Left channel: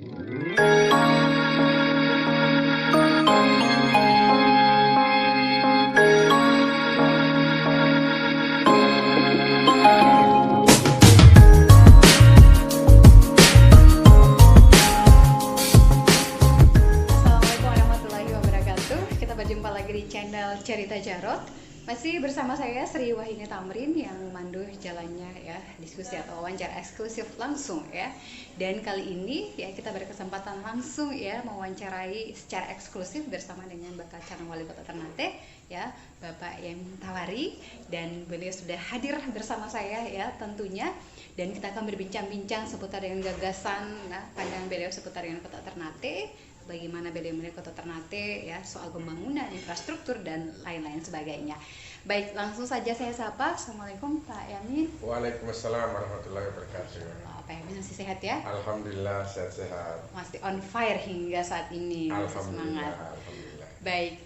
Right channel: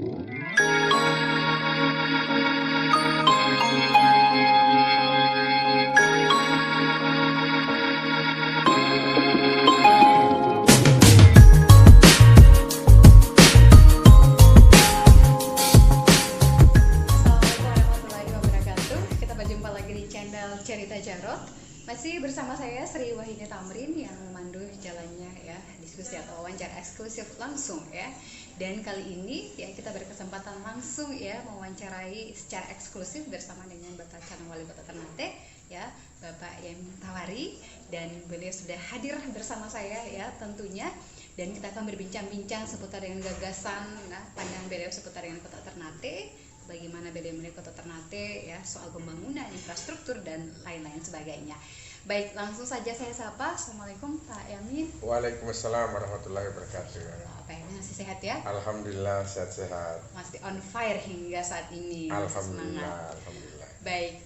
warahmatullahi wabarakatuh. Kita berjumpa lagi di channel Cerita Jarot. Masih bersama saya Sri Wahini Tamrin yang memandu jalannya ya diskusi atau wawancara eksklusif langsung ya. Dan kali ini ya kita berkesempatan langsung ya mewawancarai secara eksklusif bersama dengan bakal calon wali kota Ternate ya, Bapak Yamin Tawari, dan beliau sudah hadir bersama saya ya tentunya. Dan kita akan berbincang-bincang seputar dengan gagasan, pandangan beliau seputar dengan kota Ternate, bagaimana beliau melihat kota Ternate ya, soal pembangunan, infrastruktur dan lain-lain sebagainya. Baik, langsung saja saya sapa. Assalamualaikum Pak Yamin. Waalaikumsalam warahmatullahi wabarakatuh. Pak Yamin masih sehat ya? Alhamdulillah sehat-sehat. Masih on fire hingga saat ini, masih semangat. Alhamdulillah. Baik,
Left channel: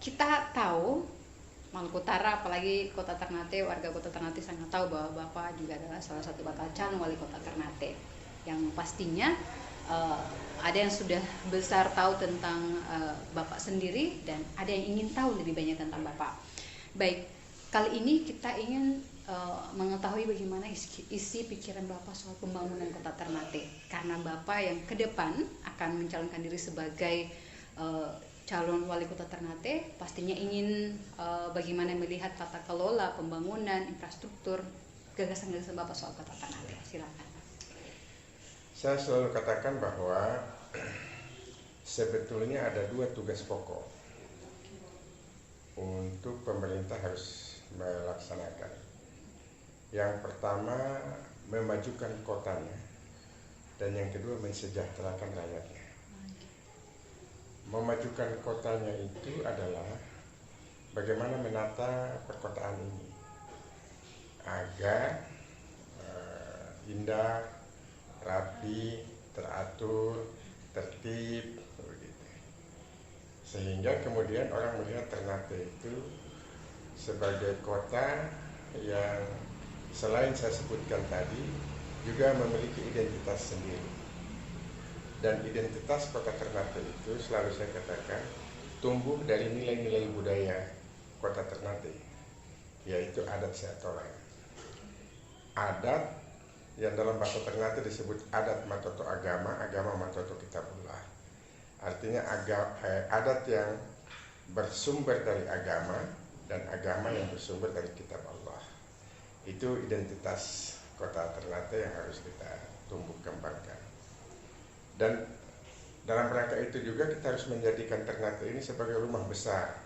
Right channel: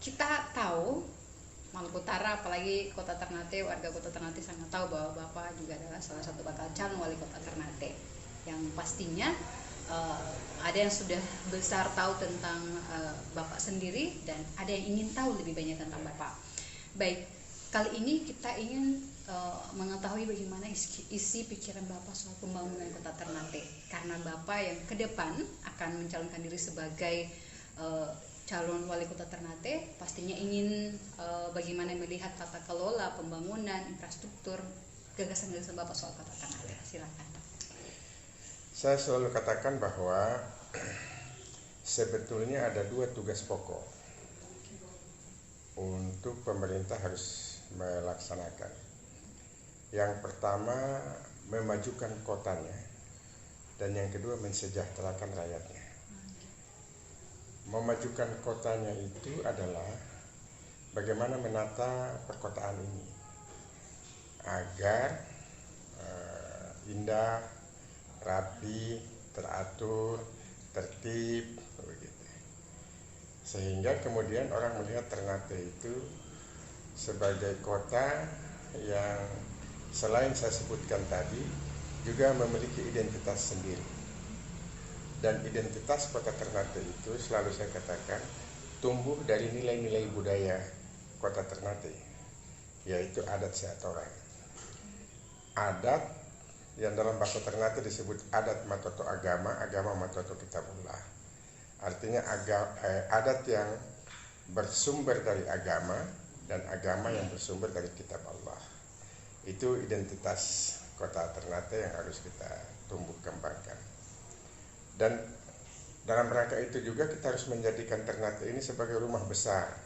kita tahu Maluku Utara, apalagi kota Ternate, warga kota Ternate sangat tahu bahwa Bapak juga adalah salah satu bakal calon wali kota Ternate, yang pastinya ada yang sudah besar tahu tentang Bapak sendiri dan ada yang ingin tahu lebih banyak tentang Bapak. Baik, kali ini kita ingin mengetahui bagaimana isi pikiran Bapak soal pembangunan kota Ternate, karena Bapak yang ke depan akan mencalonkan diri sebagai calon wali kota Ternate, pastinya ingin bagaimana melihat tata kelola pembangunan infrastruktur, gagasan-gagasan Bapak soal kota Ternate. Silakan. Saya selalu katakan bahwa sebetulnya ada dua tugas pokok untuk pemerintah harus melaksanakan. Yang pertama, memajukan kotanya, dan yang kedua, mensejahterakan rakyatnya. Memajukan kotanya itu adalah bagaimana menata perkotaan ini agar indah, rapi, teratur, tertib, begitu. Sehingga kemudian orang melihat Ternate itu sebagai kota yang selain saya sebutkan tadi juga memiliki identitas sendiri. Dan identitas kota Ternate itu selalu saya katakan tumbuh dari nilai-nilai budaya kota Ternate, yaitu adat seatoran. Adat yang dalam bahasa Ternate disebut adat matoto agama, agama matoto kitabullah. Artinya adat yang bersumber dari agama dan agama yang bersumber dari kitab Allah. Itu identitas kota Ternate yang harus kita tumbuh kembangkan. Dan dalam rangka itu juga kita harus menjadikan Ternate ini sebagai rumah besar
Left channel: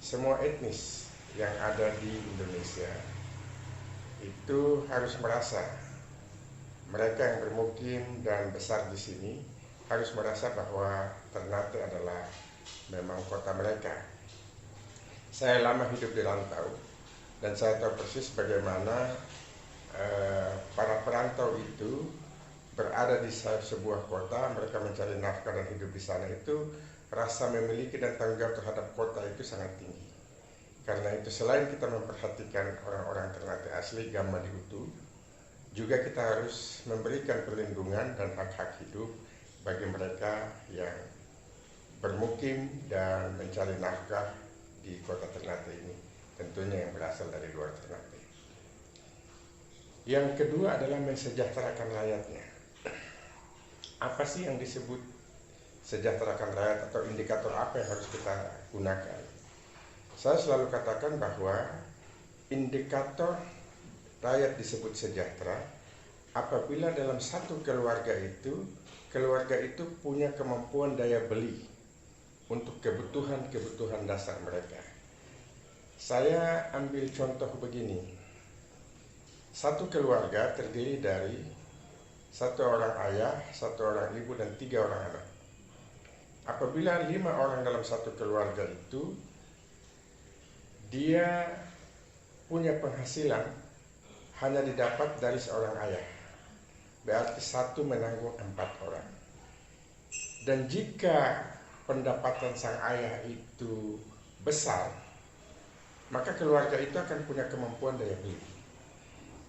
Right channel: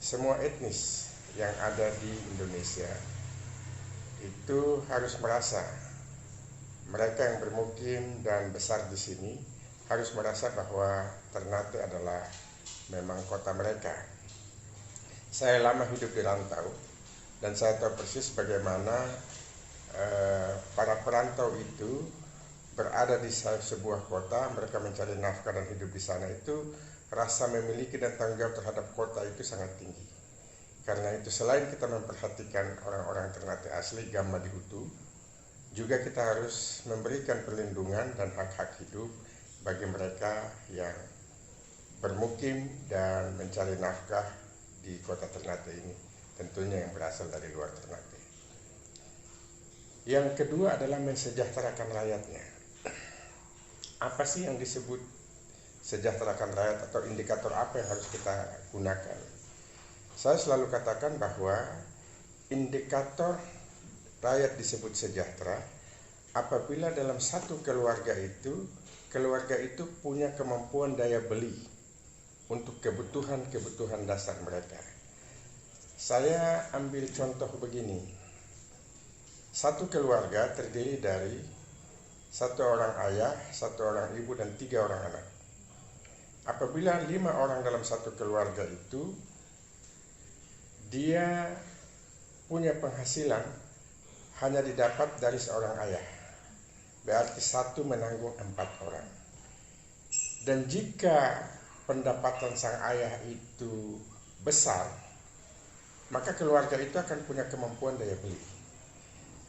semua etnis yang ada di Indonesia. Itu harus merasa, mereka yang bermukim dan besar di sini harus merasa bahwa Ternate adalah memang kota mereka. Saya lama hidup di rantau dan saya tahu persis bagaimana para perantau itu berada di sebuah kota, mereka mencari nafkah dan hidup di sana, itu rasa memiliki dan tanggung jawab terhadap kota itu sangat tinggi. Karena itu selain kita memperhatikan orang-orang Ternate asli, Gama di Utu, juga kita harus memberikan perlindungan dan hak-hak hidup bagi mereka yang bermukim dan mencari nafkah di kota Ternate ini, tentunya yang berasal dari luar Ternate. Yang kedua adalah mensejahterakan rakyatnya. Apa sih yang disebut sejahterakan rakyat atau indikator apa yang harus kita gunakan? Saya selalu katakan bahwa indikator rakyat disebut sejahtera apabila dalam satu keluarga itu punya kemampuan daya beli untuk kebutuhan dasar mereka. Saya ambil contoh begini. Satu keluarga terdiri dari satu orang ayah, satu orang ibu, dan 3 orang anak. Apabila 5 orang dalam satu keluarga itu dia punya penghasilan hanya didapat dari seorang ayah, berarti 1 menanggung 4 orang. Dan jika pendapatan sang ayah itu besar, maka keluarga itu akan punya kemampuan daya beli.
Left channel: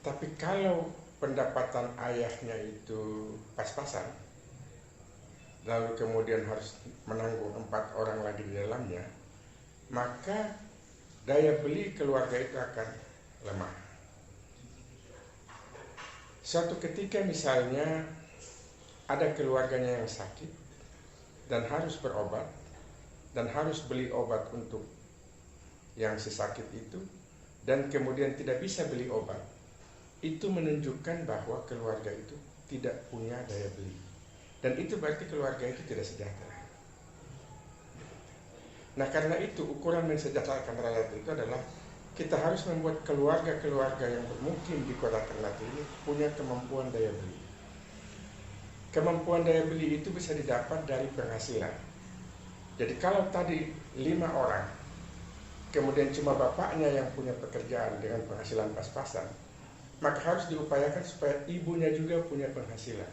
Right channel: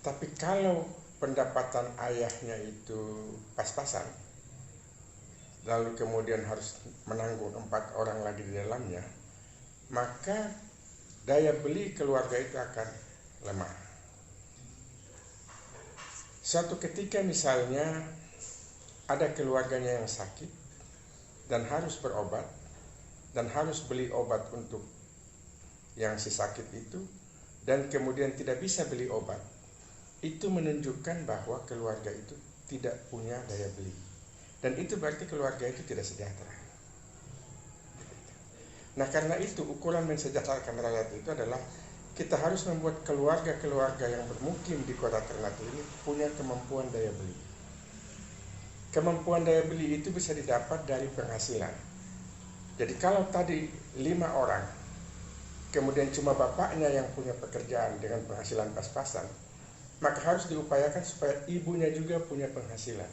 Tapi kalau pendapatan ayahnya itu pas-pasan, lalu kemudian harus menanggung 4 orang lagi di dalamnya, maka daya beli keluarga itu akan lemah. Suatu ketika misalnya ada keluarganya yang sakit dan harus berobat dan harus beli obat untuk yang si sakit itu, dan kemudian tidak bisa beli obat, itu menunjukkan bahwa keluarga itu tidak punya daya beli, dan itu berarti keluarga itu tidak sejahtera. Nah, karena itu ukuran mensejahterakan rakyat itu adalah kita harus membuat keluarga-keluarga yang bermukim di kota Ternate ini punya kemampuan daya beli. Kemampuan daya beli itu bisa didapat dari penghasilan. Jadi kalau tadi 5 orang, kemudian cuma bapaknya yang punya pekerjaan dengan penghasilan pas-pasan, maka harus diupayakan supaya ibunya juga punya penghasilan,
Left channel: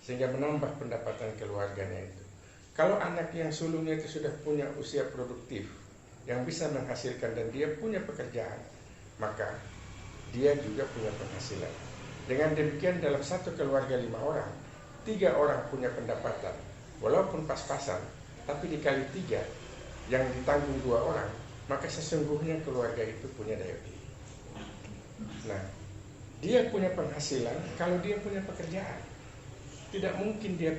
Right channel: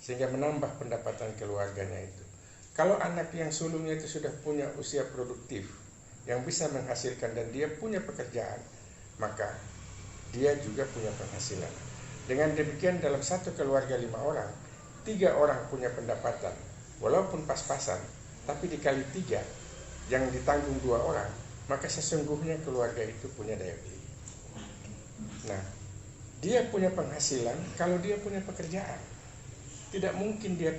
sehingga menambah pendapatan keluarganya itu. Kalau anak yang sulungnya itu sudah punya usia produktif, yang bisa menghasilkan dan dia punya pekerjaan, maka dia juga punya penghasilan. Dengan demikian dalam satu keluarga 5 orang, 3 orang punya pendapatan, walaupun pas-pasan, tapi dikali 3 yang ditanggung 2 orang, maka sesungguhnya keluarga itu punya daya beli. Nah, dia punya penghasilan kalau dia punya pekerjaan. Tidak mungkin dia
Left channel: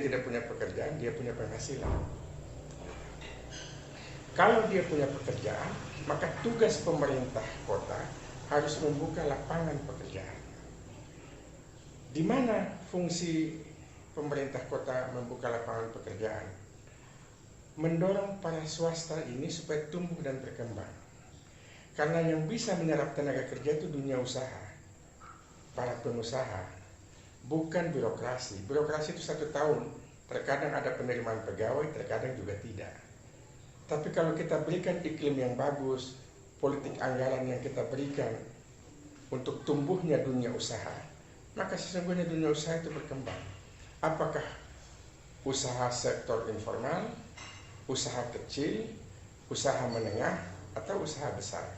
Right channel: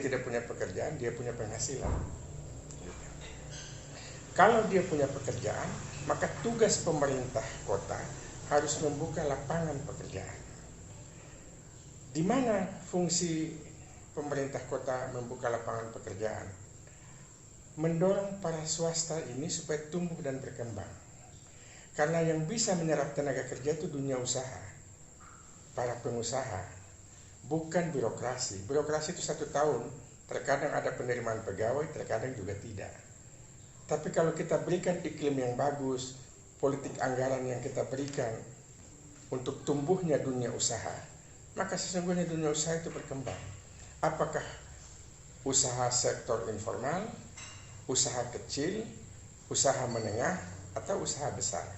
tidak punya pekerjaan, dia punya penghasilan. Kalau dia punya pekerjaan, maka tugas pemerintah kota harus membuka lapangan pekerjaan. Di mana fungsi pemerintah kota membuka lapangan pekerjaan? Mendorong para swasta ini supaya tumbuh dan berkembang. Karena yang bisa menyerap tenaga kerja itu dunia usaha, para pengusaha, bukan birokrasi. Birokrasi itu 1 tahun, terkadang ada penerimaan pegawai, terkadang juga tidak. Tapi kalau kita berikan iklim yang bagus, politik anggaran yang kita berikan untuk tumbuhnya dunia usaha, maka sesungguhnya dunia usaha itu berkembang. Apakah usaha sektor informal, usaha kecil, usaha menengah, atau usaha besar?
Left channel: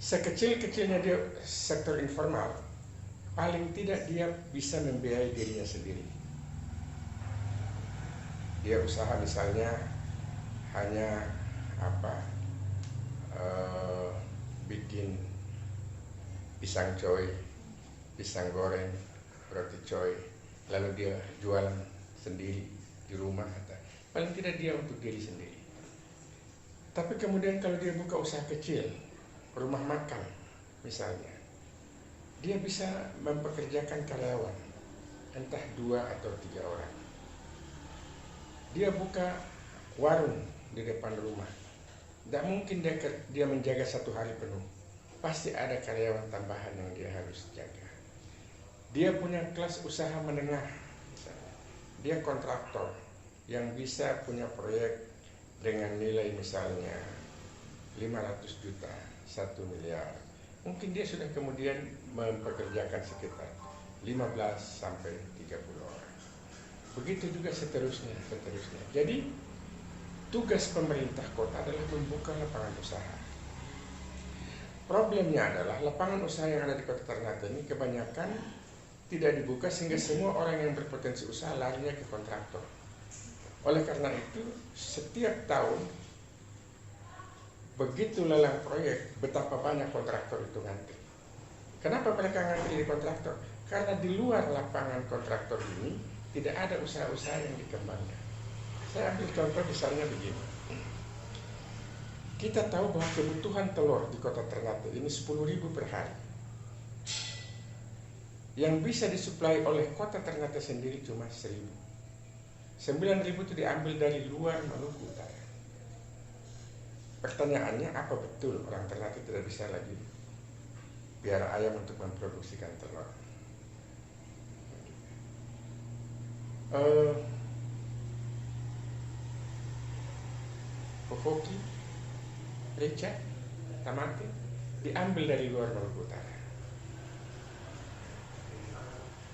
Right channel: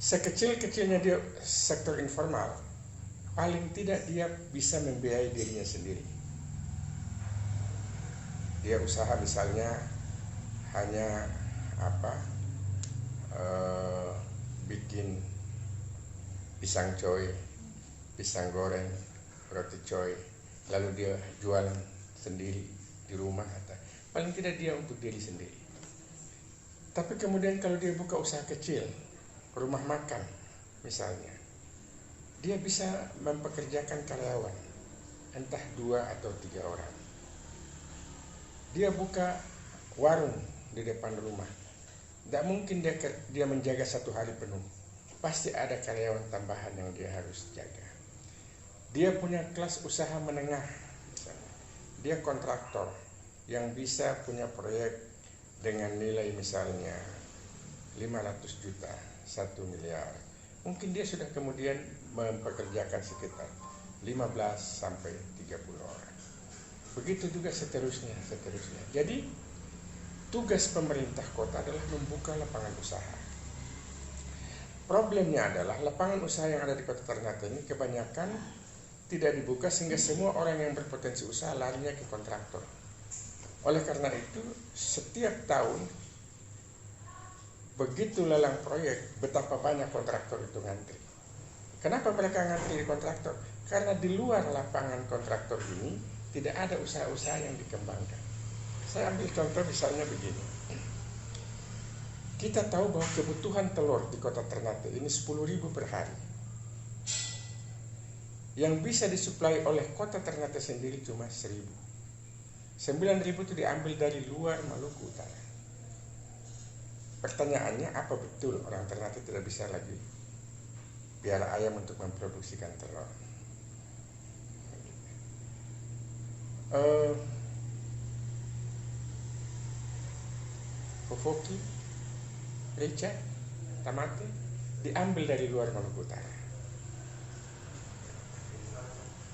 Sekecil-kecilnya dia sektor informal, paling tidak dia bisa membiayai dirinya sendiri. Dia usaha misalnya hanya bikin pisang coy, pisang goreng, roti coy, lalu dia jualan sendiri di rumah, atau paling tidak dia untuk diri sendiri. Tapi kemudian kalau dia buka usaha kecil, rumah makan misalnya, dia bisa mempekerjakan karyawan, entah 2 atau 3 orang. Dia buka warung di depan rumah, tidak mungkin dia menjaga 1 hari penuh, pasti ada karyawan tambahan yang dia harus jaga. Dia punya kelas usaha menengah, dia kontraktor yang bisa punya proyek dengan nilai misalnya 500 juta, 1 miliar. Mungkin dia sudah kemudian mempekerjakan sekitar 15 sampai 30 orang. Begitu juga seterusnya. Jadi tugas pemerintah kota adalah membuka lapangan usaha. Problemnya adalah lapangan usaha yang ada di kota Ternate ini kebanyakan tidak dibuka, sehingga semua orang yang berpotensi usaha larinya ke kontraktor. Oleh karena itu, setiap tahun begitu lelang proyek, betapa banyak kontraktor itu ngantri. Kenapa mereka ngantri di kontraktor? Karena di luar lapangan kontraktor ini tidak ada usaha-usaha yang dikembangkan. Saya ambil contoh misalnya begini. Kita tahu bahwa kebutuhan telur di kota Ternate ini 10.000 per hari. Yang bisa disuplai oleh kota Ternate sendiri cuma 1.000. 9.000 itu diambil dari luar Maluku Utara. Pertanyaannya, apa betul orang Ternate tidak bisa lagi piara ayam untuk memproduksikan telur? Fofoki, Rica, Tamate diambil dari luar Maluku Utara.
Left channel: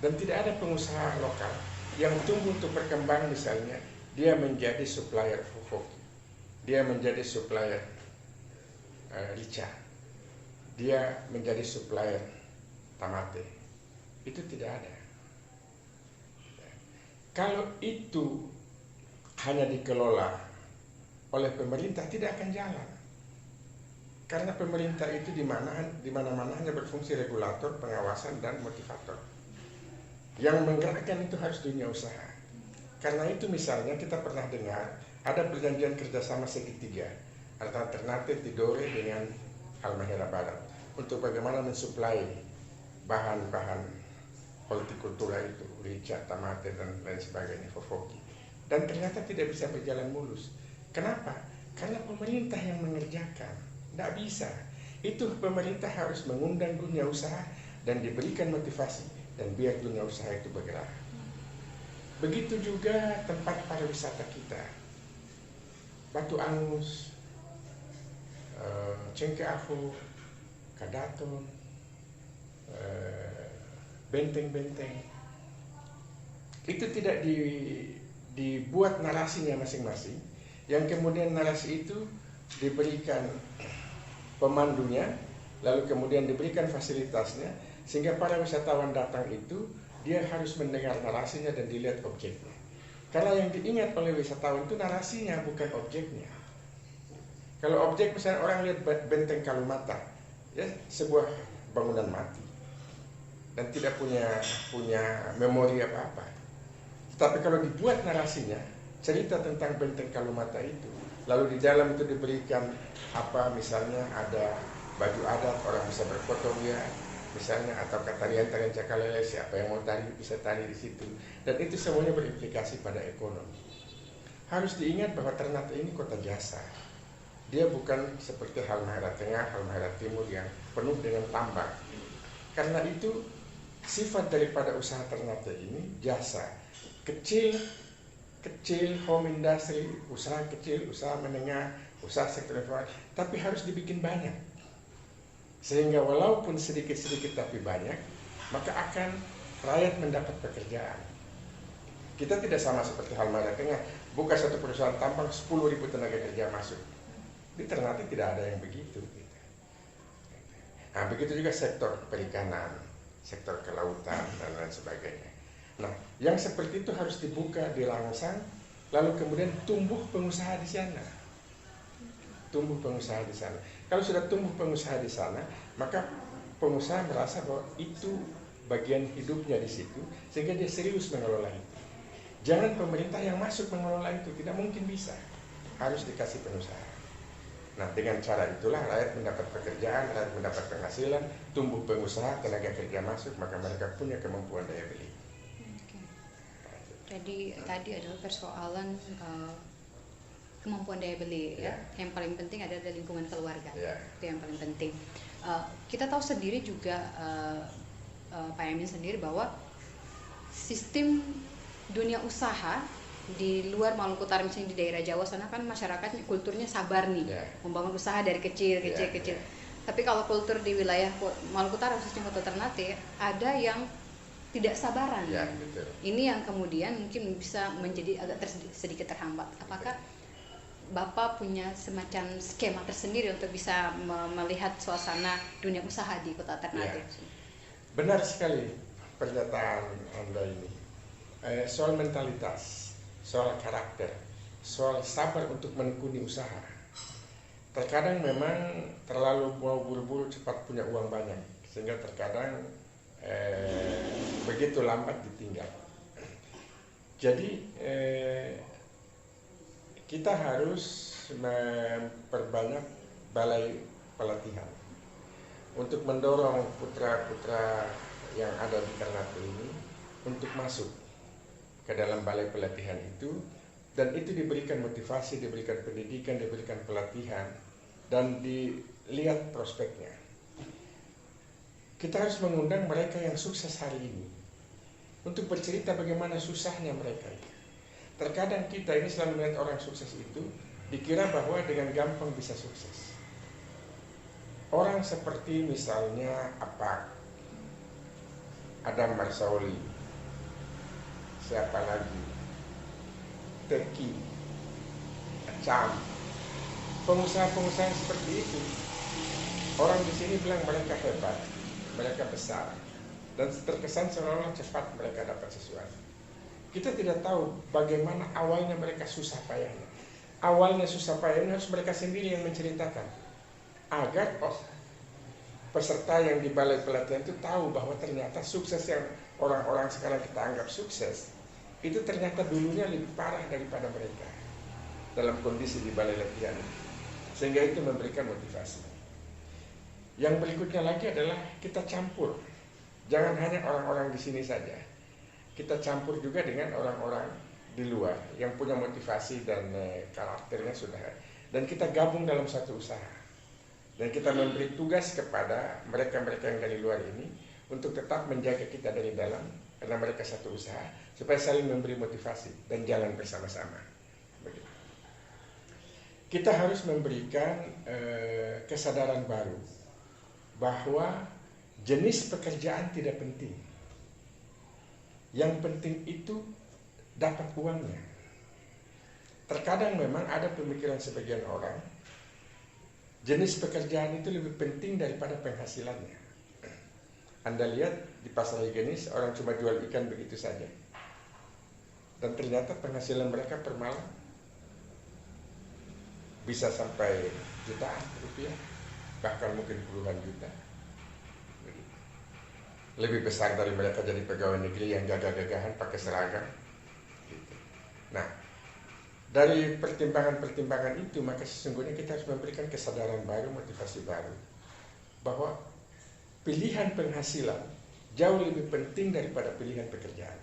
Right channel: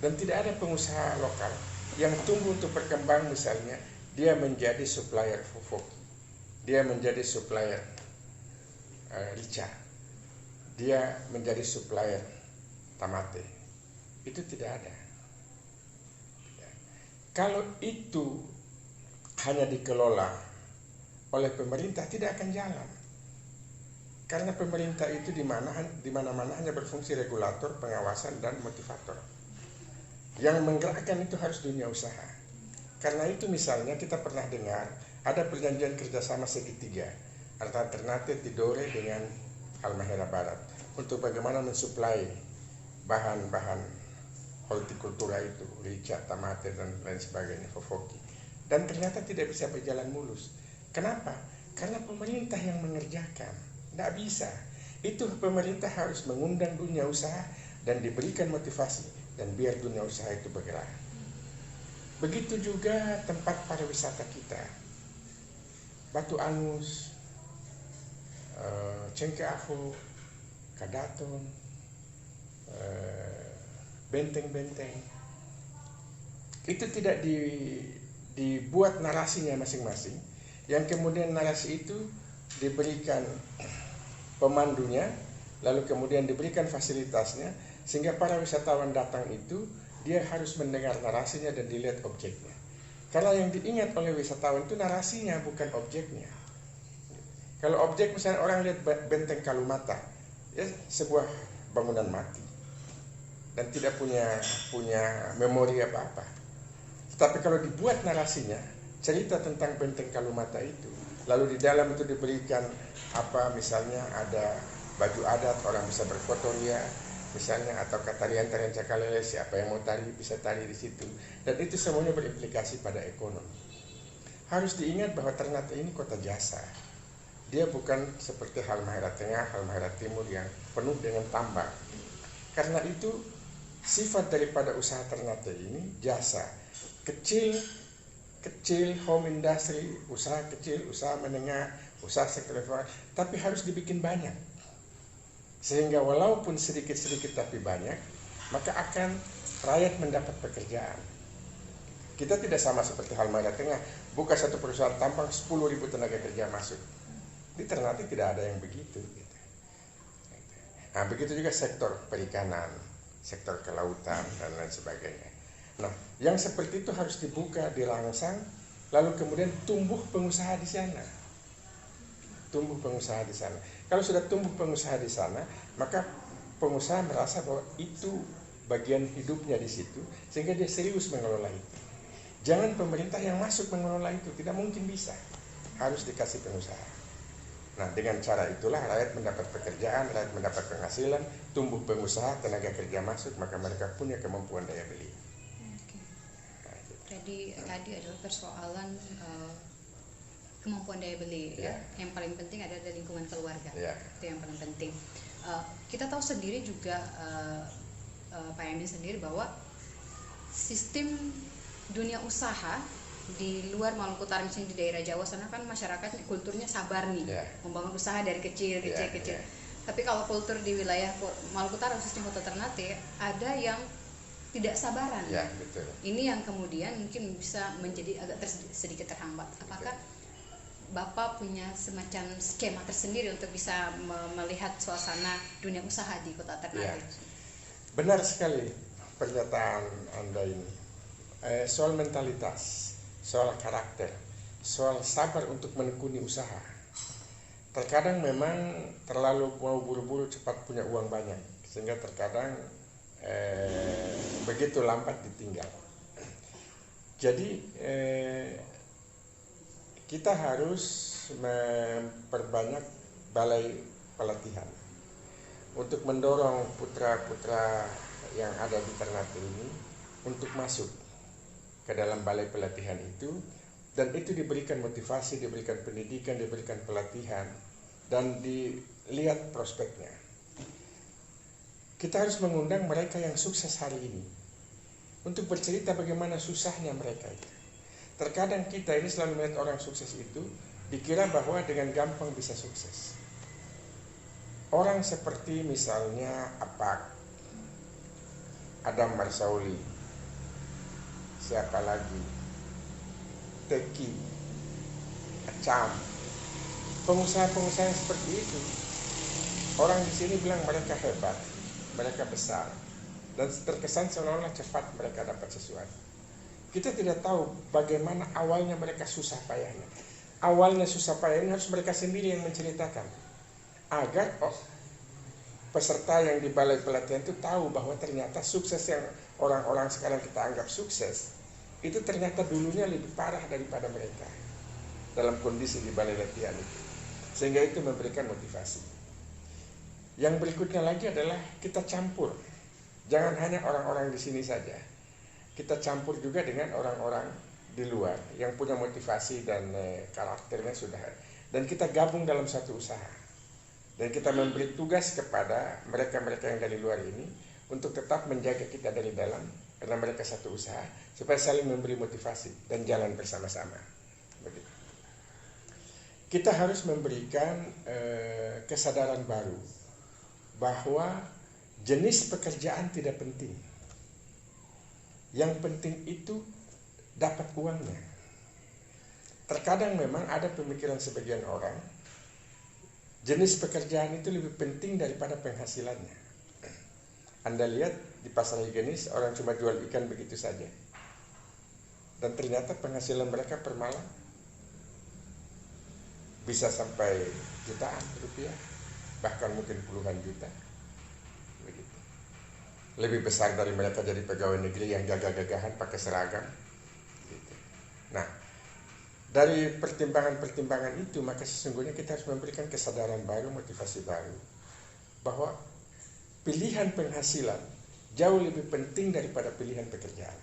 Dan tidak ada pengusaha lokal yang tumbuh untuk berkembang, misalnya dia menjadi supplier Fofoki, dia menjadi supplier Rica, dia menjadi supplier Tamate. Itu tidak ada. Kalau itu hanya dikelola oleh pemerintah tidak akan jalan. Karena pemerintah itu di mana-mana hanya berfungsi regulator, pengawasan, dan motivator. Yang menggerakkan itu harus dunia usaha. Karena itu misalnya kita pernah dengar ada perjanjian kerjasama segitiga antara Ternate Tidore dengan Halmahera Barat untuk bagaimana mensuplai bahan-bahan hortikultura itu, rica, tamate, dan lain sebagainya, fofoki. Dan ternyata tidak bisa berjalan mulus. Kenapa? Karena pemerintah yang mengerjakan. Tidak bisa. Itu pemerintah harus mengundang dunia usaha dan diberikan motivasi dan biar dunia usaha itu bergerak. Begitu juga tempat pariwisata kita. Batu Angus, Cengke Afu, Kadaton, benteng-benteng. Itu tidak dibuat narasinya masing-masing, yang kemudian narasi itu diberikan pemandunya, lalu kemudian diberikan fasilitasnya, sehingga para wisatawan datang itu dia harus mendengar narasinya dan dilihat objeknya. Karena yang diingat oleh wisatawan itu narasinya, bukan objeknya. Kalau objek misalnya orang lihat benteng Kalumata, ya sebuah bangunan mati dan tidak punya memori apa-apa. Tapi kalau dibuat narasinya, cerita tentang benteng Kalumata itu, lalu di dalam itu diberikan apa, misalnya ada baju adat, orang bisa berfoto ya, misalnya, atau tarian-tarian Cakalele, siapa yang mau tari bisa tari di situ, dan itu semuanya berimplikasi pada ekonomi. Harus diingat bahwa Ternate ini kota jasa. Dia bukan seperti Halmahera Tengah, Halmahera Timur yang penuh dengan tambang. Karena itu sifat daripada usaha Ternate ini jasa, kecil, home industry, usaha kecil, usaha menengah, usaha sektor informal, tapi harus dibikin banyak. Sehingga walaupun sedikit-sedikit tapi banyak, maka akan rakyat mendapat pekerjaan. Kita tidak sama seperti Halmahera Tengah, buka satu perusahaan tambang 10.000 tenaga kerja masuk. Di Ternate tidak ada yang begitu. Nah, begitu juga sektor perikanan, sektor kelautan, dan lain sebagainya. Nah, yang seperti itu harus dibuka, dirangsang, lalu kemudian tumbuh pengusaha di sana. Tumbuh pengusaha di sana. Kalau sudah tumbuh pengusaha di sana, maka pengusaha merasa bahwa itu bagian hidupnya di situ, sehingga dia serius mengelola itu. Jangan pemerintah yang masuk mengelola itu, tidak mungkin bisa. Harus dikasih pengusaha. Nah, dengan cara itulah rakyat mendapat pekerjaan, rakyat mendapat penghasilan, tumbuh pengusaha, tenaga kerja masuk, maka mereka punya kemampuan daya beli. Jadi tadi adalah persoalan kemampuan daya beli, ya. Yang paling penting ada di lingkungan keluarga, itu yang paling penting. Kita tahu sendiri juga, Pak Yamin sendiri, bahwa sistem dunia usaha di luar Maluku Utara, misalnya di daerah Jawa sana kan masyarakatnya kulturnya sabar nih, membangun usaha dari kecil. Tapi kalau kultur di wilayah Maluku Utara, khususnya Kota Ternate, ada yang tidak sabaran. Betul. Ini yang kemudian mungkin bisa menjadi agak sedikit terhambat. Apakah Bapak punya semacam skema tersendiri untuk bisa melihat suasana dunia usaha di Kota Ternate? Benar sekali pernyataan Anda ini. Soal mentalitas, soal karakter, soal sabar untuk menekuni usaha. Terkadang memang terlalu mau buru-buru cepat punya uang banyak, sehingga terkadang begitu lambat ditinggal. Jadi kita harus memperbanyak balai pelatihan untuk mendorong putra-putra yang ada di Ternate ini untuk masuk ke dalam balai pelatihan itu, dan itu diberikan motivasi, diberikan pendidikan, diberikan pelatihan, dan dilihat prospeknya. Kita harus mengundang mereka yang sukses hari ini untuk bercerita bagaimana susahnya mereka. Terkadang kita ini selalu melihat orang sukses itu dikira bahwa dengan gampang bisa sukses. Orang seperti misalnya Adam Marsaoli, siapa lagi, Teki, Acam, pengusaha-pengusaha yang seperti itu, orang di sini bilang mereka hebat, mereka besar, dan terkesan seolah-olah cepat mereka dapat sesuatu. kita tidak tahu bagaimana awalnya mereka susah payahnya. Awalnya susah payahnya harus mereka sendiri yang menceritakan, agar peserta yang di balai pelatihan itu tahu bahwa ternyata sukses yang orang-orang sekarang kita anggap sukses, itu ternyata dulunya lebih parah daripada mereka dalam kondisi di balai latihan. Sehingga itu memberikan motivasi. Yang berikutnya lagi adalah kita campur. Jangan hanya orang-orang di sini saja. Kita campur juga dengan orang-orang di luar yang punya motivasi dan karakternya sudah. Dan kita gabung dalam satu usaha. Dan kita memberi tugas kepada mereka-mereka yang dari luar ini untuk tetap menjaga kita dari dalam, karena mereka satu usaha, supaya saling memberi motivasi dan jalan bersama-sama. Begitu. Kita harus memberikan kesadaran baru bahwa jenis pekerjaan tidak penting. Yang penting itu dapat uangnya. Terkadang memang ada pemikiran sebagian orang, jenis pekerjaan itu lebih penting daripada penghasilannya. Anda lihat di pasar higienis, orang cuma jual ikan begitu saja. Dan ternyata penghasilan mereka per malam bisa sampai jutaan rupiah, bahkan mungkin puluhan juta. Begitu. Lebih besar dari mereka jadi pegawai negeri yang gagah-gagahan pakai seragam. Gitu. Nah, dari pertimbangan-pertimbangan itu, maka sesungguhnya kita harus memberikan kesadaran baru, motivasi baru, bahwa pilihan penghasilan jauh lebih penting daripada pilihan pekerjaan.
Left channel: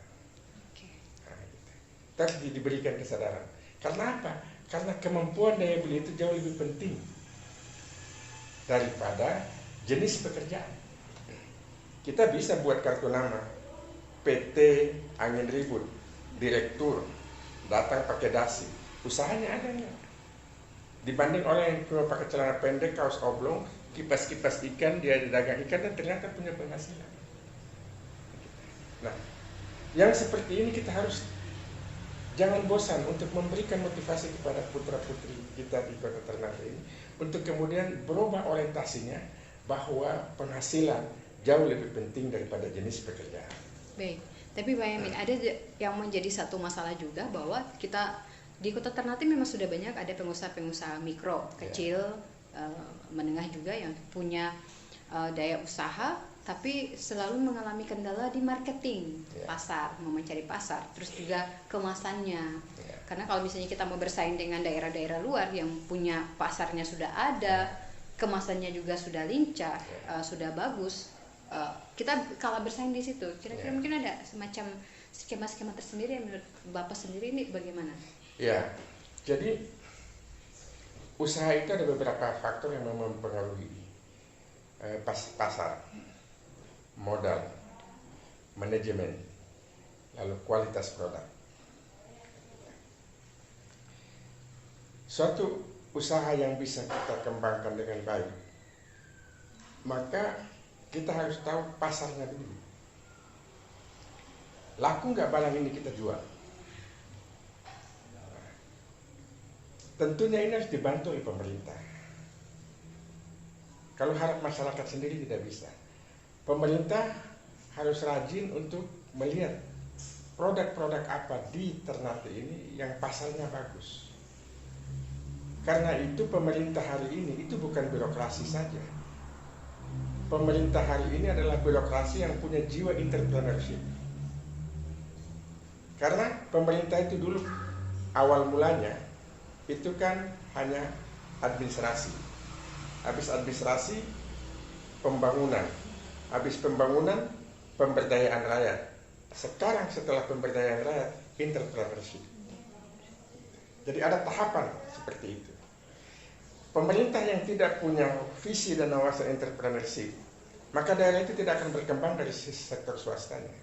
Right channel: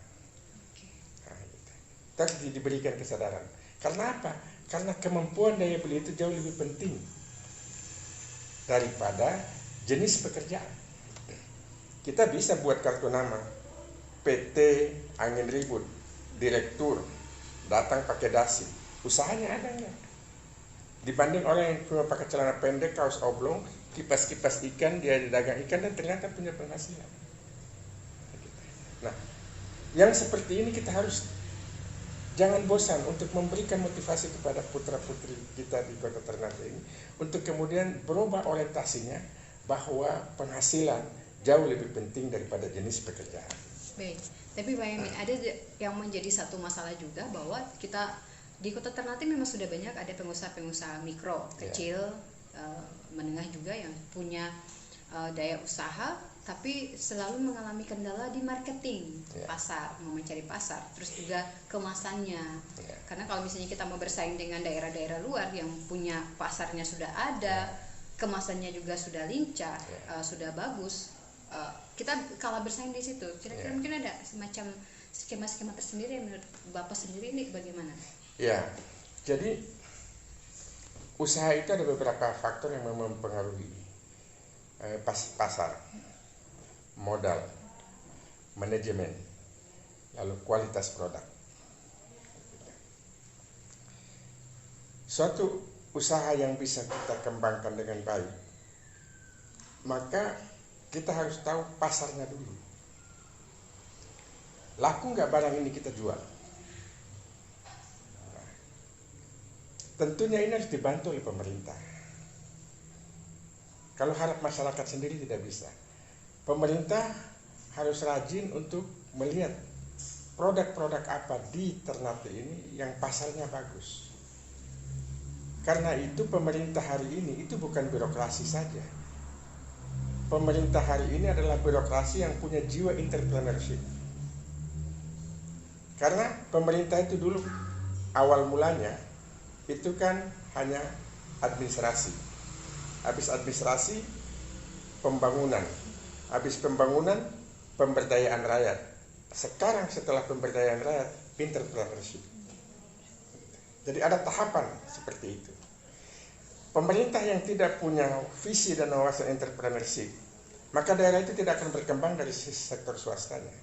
Nah, gitu. Terus diberikan kesadaran. Karena apa? Karena kemampuan daya beli itu jauh lebih penting daripada jenis pekerjaan. Kita bisa buat kartu nama PT Angin Ribut, direktur, datang pakai dasi, usahanya ada nggak? Dibanding orang yang cuma pakai celana pendek, kaos oblong, kipas-kipas ikan, dia dagang ikan dan ternyata punya penghasilan. Nah, yang seperti ini kita harus jangan bosan untuk memberikan motivasi kepada putra-putri kita di Kota Ternate ini, untuk kemudian berubah orientasinya bahwa penghasilan jauh lebih penting daripada jenis pekerjaan. Baik, tapi Pak Yamin, ada yang menjadi satu masalah juga bahwa kita di Kota Ternate memang sudah banyak ada pengusaha-pengusaha mikro, kecil, menengah juga yang punya daya usaha, tapi selalu mengalami kendala di marketing pasar, mau mencari pasar, terus juga kemasannya. Karena kalau misalnya kita mau bersaing dengan daerah-daerah luar yang punya pasarnya sudah ada, kemasannya juga sudah lincah, sudah bagus, kita kalah bersaing di situ. Kira-kira mungkin ada semacam skema-skema tersendiri yang menurut Bapak sendiri ini bagaimana? Ya, jadi usaha itu ada beberapa faktor yang mempengaruhi pasar, modal, manajemen, lalu kualitas produk. Suatu usaha yang bisa kita kembangkan dengan baik, maka kita harus tahu pasarnya dulu. Laku nggak barang ini kita jual? Nah, tentunya ini harus dibantu oleh pemerintah. Kalau harap masyarakat sendiri tidak bisa. Pemerintah harus rajin untuk melihat produk-produk apa di Ternate ini yang pasarnya bagus. Karena itu pemerintah hari ini itu bukan birokrasi saja. Pemerintah hari ini adalah birokrasi yang punya jiwa entrepreneurship. Karena pemerintah itu dulu awal mulanya itu kan hanya administrasi. Habis administrasi, pembangunan. Habis pembangunan, pemberdayaan rakyat. Sekarang setelah pemberdayaan rakyat, entrepreneurship. Jadi ada tahapan seperti itu. Pemerintah yang tidak punya visi dan wawasan entrepreneurship, maka daerah itu tidak akan berkembang dari sektor swastanya.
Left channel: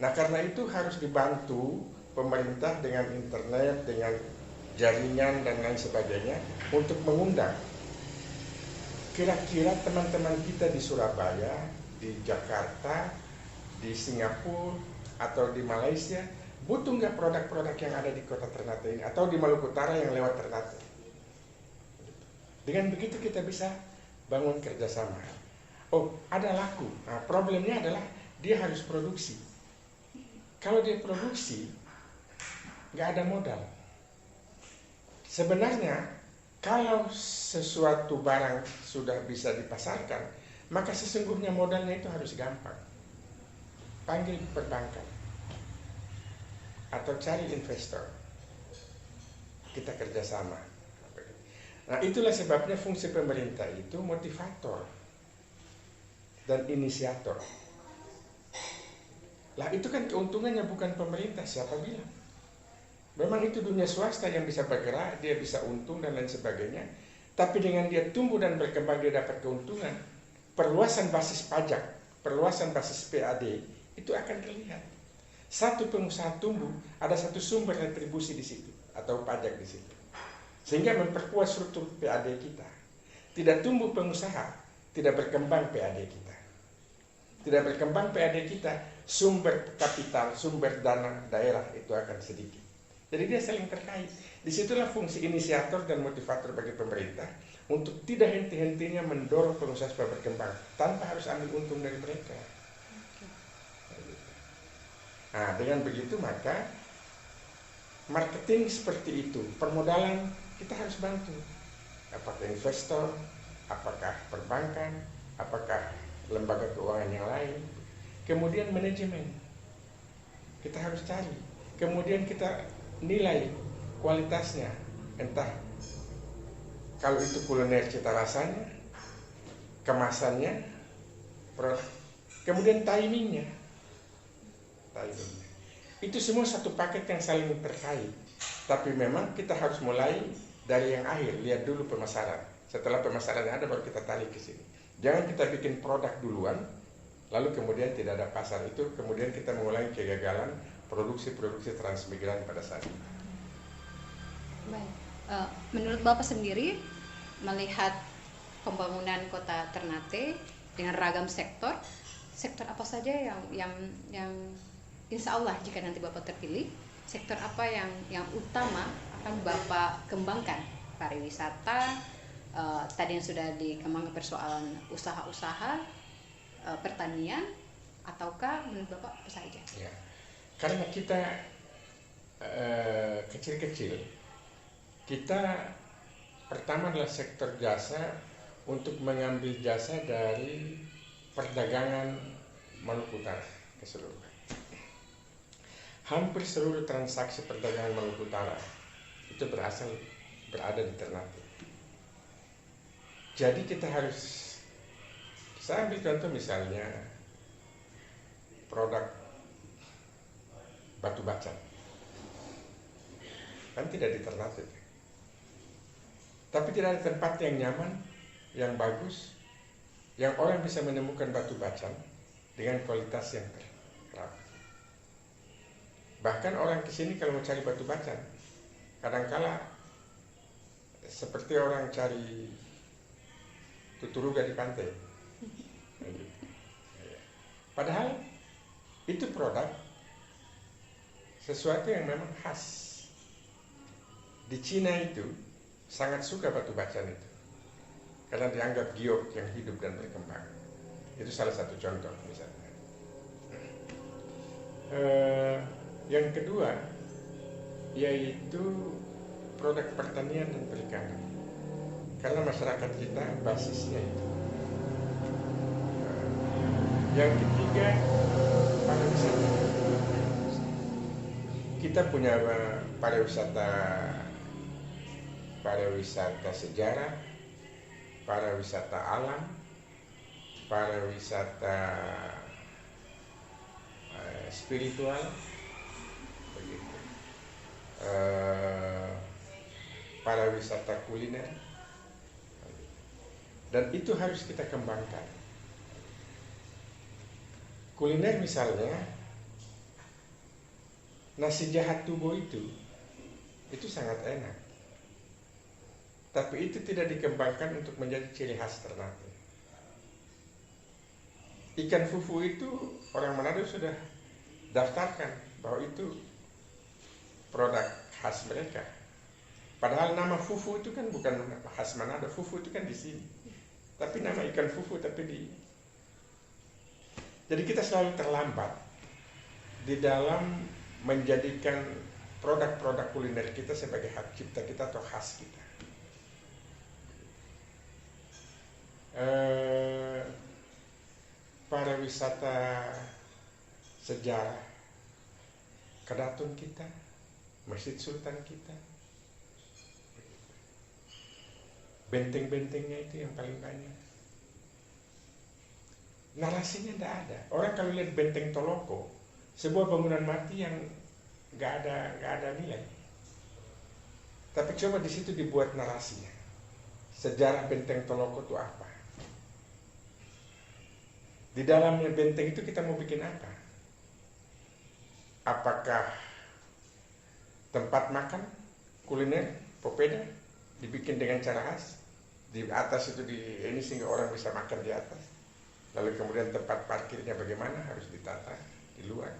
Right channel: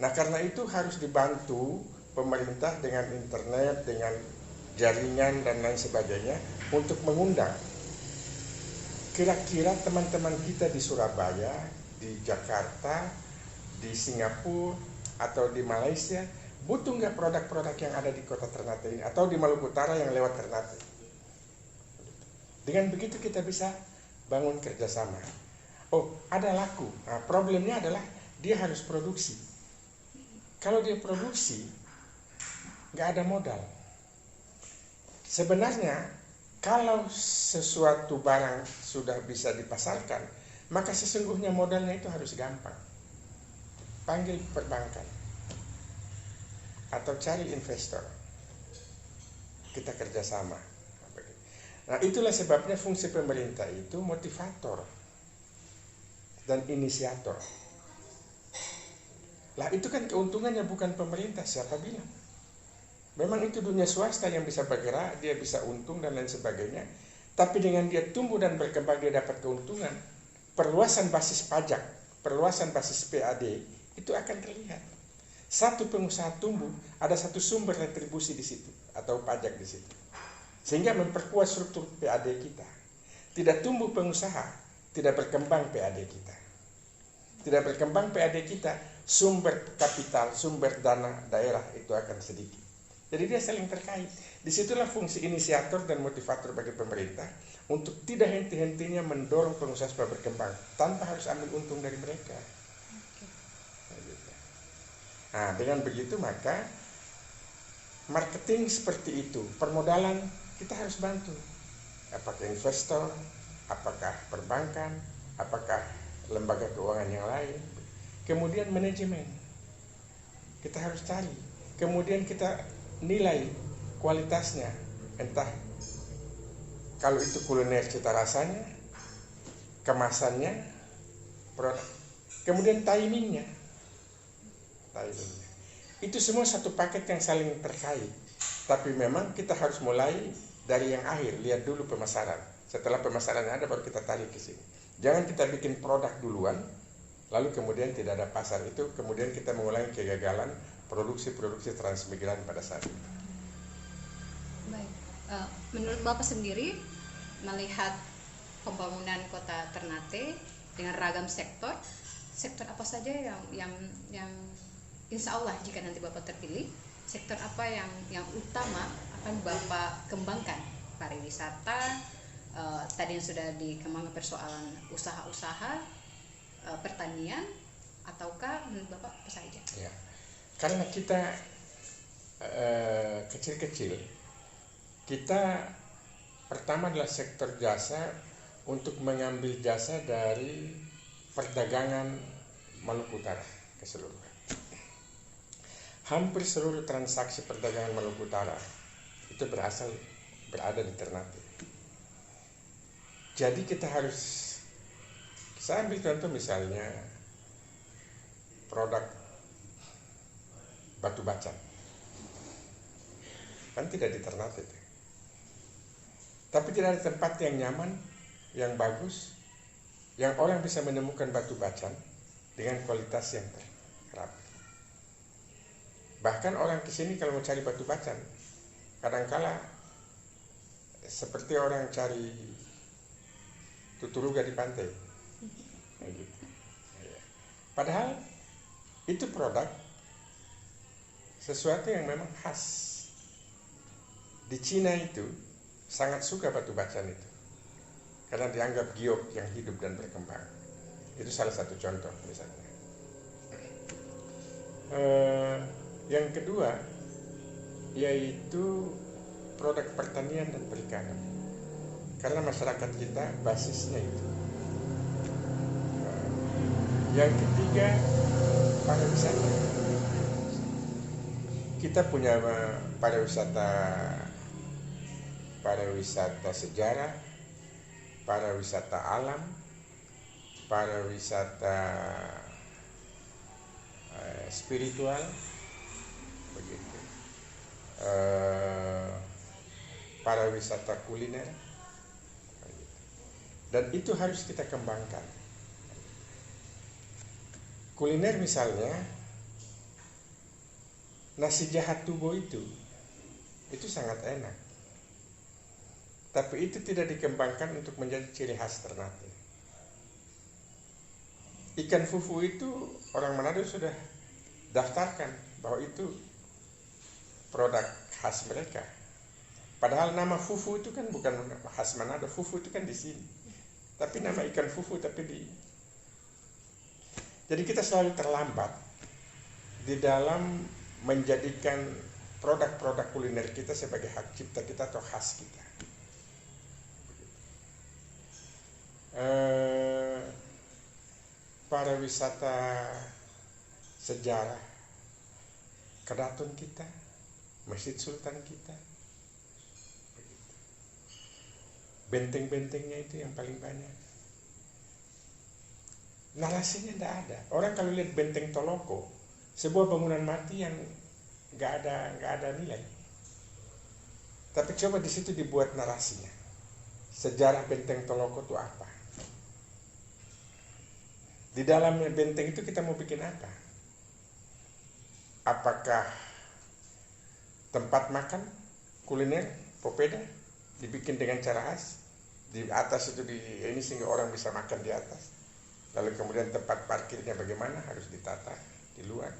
Nah, karena itu harus dibantu pemerintah dengan internet, dengan jaringan dan lain sebagainya untuk mengundang. Kira-kira teman-teman kita di Surabaya, di Jakarta, di Singapura, atau di Malaysia butuh nggak produk-produk yang ada di Kota Ternate ini, atau di Maluku Utara yang lewat Ternate? Dengan begitu kita bisa bangun kerjasama. Oh, ada laku. Nah, problemnya adalah dia harus produksi. Kalau dia produksi, nggak ada modal. Sebenarnya kalau sesuatu barang sudah bisa dipasarkan, maka sesungguhnya modalnya itu harus gampang. Panggil perbankan atau cari investor, kita kerjasama. Nah, itulah sebabnya fungsi pemerintah itu motivator dan inisiator. Lah, itu kan keuntungannya bukan pemerintah, siapa bilang? Memang itu dunia swasta yang bisa bergerak, dia bisa untung dan lain sebagainya. Tapi dengan dia tumbuh dan berkembang, dia dapat keuntungan. Perluasan basis pajak, perluasan basis PAD, itu akan terlihat. Satu pengusaha tumbuh, ada satu sumber retribusi di situ, atau pajak di situ. Sehingga memperkuat struktur PAD kita. Tidak tumbuh pengusaha, tidak berkembang PAD kita. Tidak berkembang PAD kita, sumber kapital, sumber dana daerah itu akan sedikit. Jadi dia saling terkait. Disitulah fungsi inisiator dan motivator bagi pemerintah untuk tidak henti-hentinya mendorong pengusaha supaya berkembang tanpa harus ambil untung dari mereka. Nah, dengan begitu maka marketing seperti itu, permodalan kita harus bantu. Apakah investor, apakah perbankan, apakah lembaga keuangan yang lain. Kemudian manajemen kita harus cari. Kemudian kita nilai kualitasnya, entah kalau itu kuliner cita rasanya, kemasannya, kemudian timingnya. Itu semua satu paket yang saling terkait. Tapi memang kita harus mulai dari yang akhir, lihat dulu pemasaran. Setelah pemasaran ada baru kita tarik ke sini. Jangan kita bikin produk duluan, lalu kemudian tidak ada pasar, itu kemudian kita mengulangi kegagalan produksi transmigran pada saat itu. Baik, menurut Bapak sendiri melihat pembangunan kota Ternate dengan ragam sektor apa saja yang insya Allah jika nanti Bapak terpilih, sektor apa yang utama akan Bapak kembangkan? Pariwisata, tadi yang sudah dikembangkan persoalan usaha-usaha, pertanian, ataukah menurut Bapak apa saja? Ya. Karena kita kecil-kecil, kita pertama adalah sektor jasa untuk mengambil jasa dari perdagangan Maluku Utara keseluruhan. Hampir seluruh transaksi perdagangan Maluku Utara itu berada di Ternate. Jadi kita harus, saya ambil contoh misalnya produk batu bacan, kan tidak di Ternate, tapi tidak ada tempat yang nyaman, yang bagus, yang orang bisa menemukan batu bacan dengan kualitas yang terapi. Bahkan orang kesini kalau mau cari batu bacan, kadangkala seperti orang cari tuturuga di pantai. Padahal itu produk sesuatu yang memang khas. Di Cina itu sangat suka batu bacan itu, karena dianggap giok yang hidup dan berkembang. Itu salah satu contoh misalnya. Yang kedua yaitu produk pertanian dan perikanan, karena masyarakat kita basisnya itu. Yang ketiga pariwisata. Kita punya pariwisata sejarah, pariwisata alam, pariwisata spiritual, begitu. Pariwisata kuliner, dan itu harus kita kembangkan. Kuliner misalnya nasi jahat tubuh itu sangat enak, tapi itu tidak dikembangkan untuk menjadi ciri khas Ternate. Ikan fufu itu orang Manado sudah daftarkan bahwa itu produk khas mereka. Padahal nama fufu itu kan bukan khas Manado, fufu itu kan di sini. Tapi nama ikan fufu tapi di. Jadi kita selalu terlambat di dalam menjadikan produk-produk kuliner kita sebagai hak cipta kita atau khas kita. Pariwisata sejarah keraton kita, Masjid Sultan kita, benteng-bentengnya itu yang paling banyak. Narasinya tidak ada. Orang kalau lihat benteng Toloko, sebuah bangunan mati yang nggak ada nilai. Tapi coba di situ dibuat narasinya. Sejarah benteng Toloko itu apa? Di dalam benteng itu kita mau bikin apa? Apakah tempat makan, kuliner, popeda dibikin dengan cara khas? Di atas itu ini sehingga orang bisa makan di atas. Lalu kemudian tempat parkirnya bagaimana? Harus ditata di luar.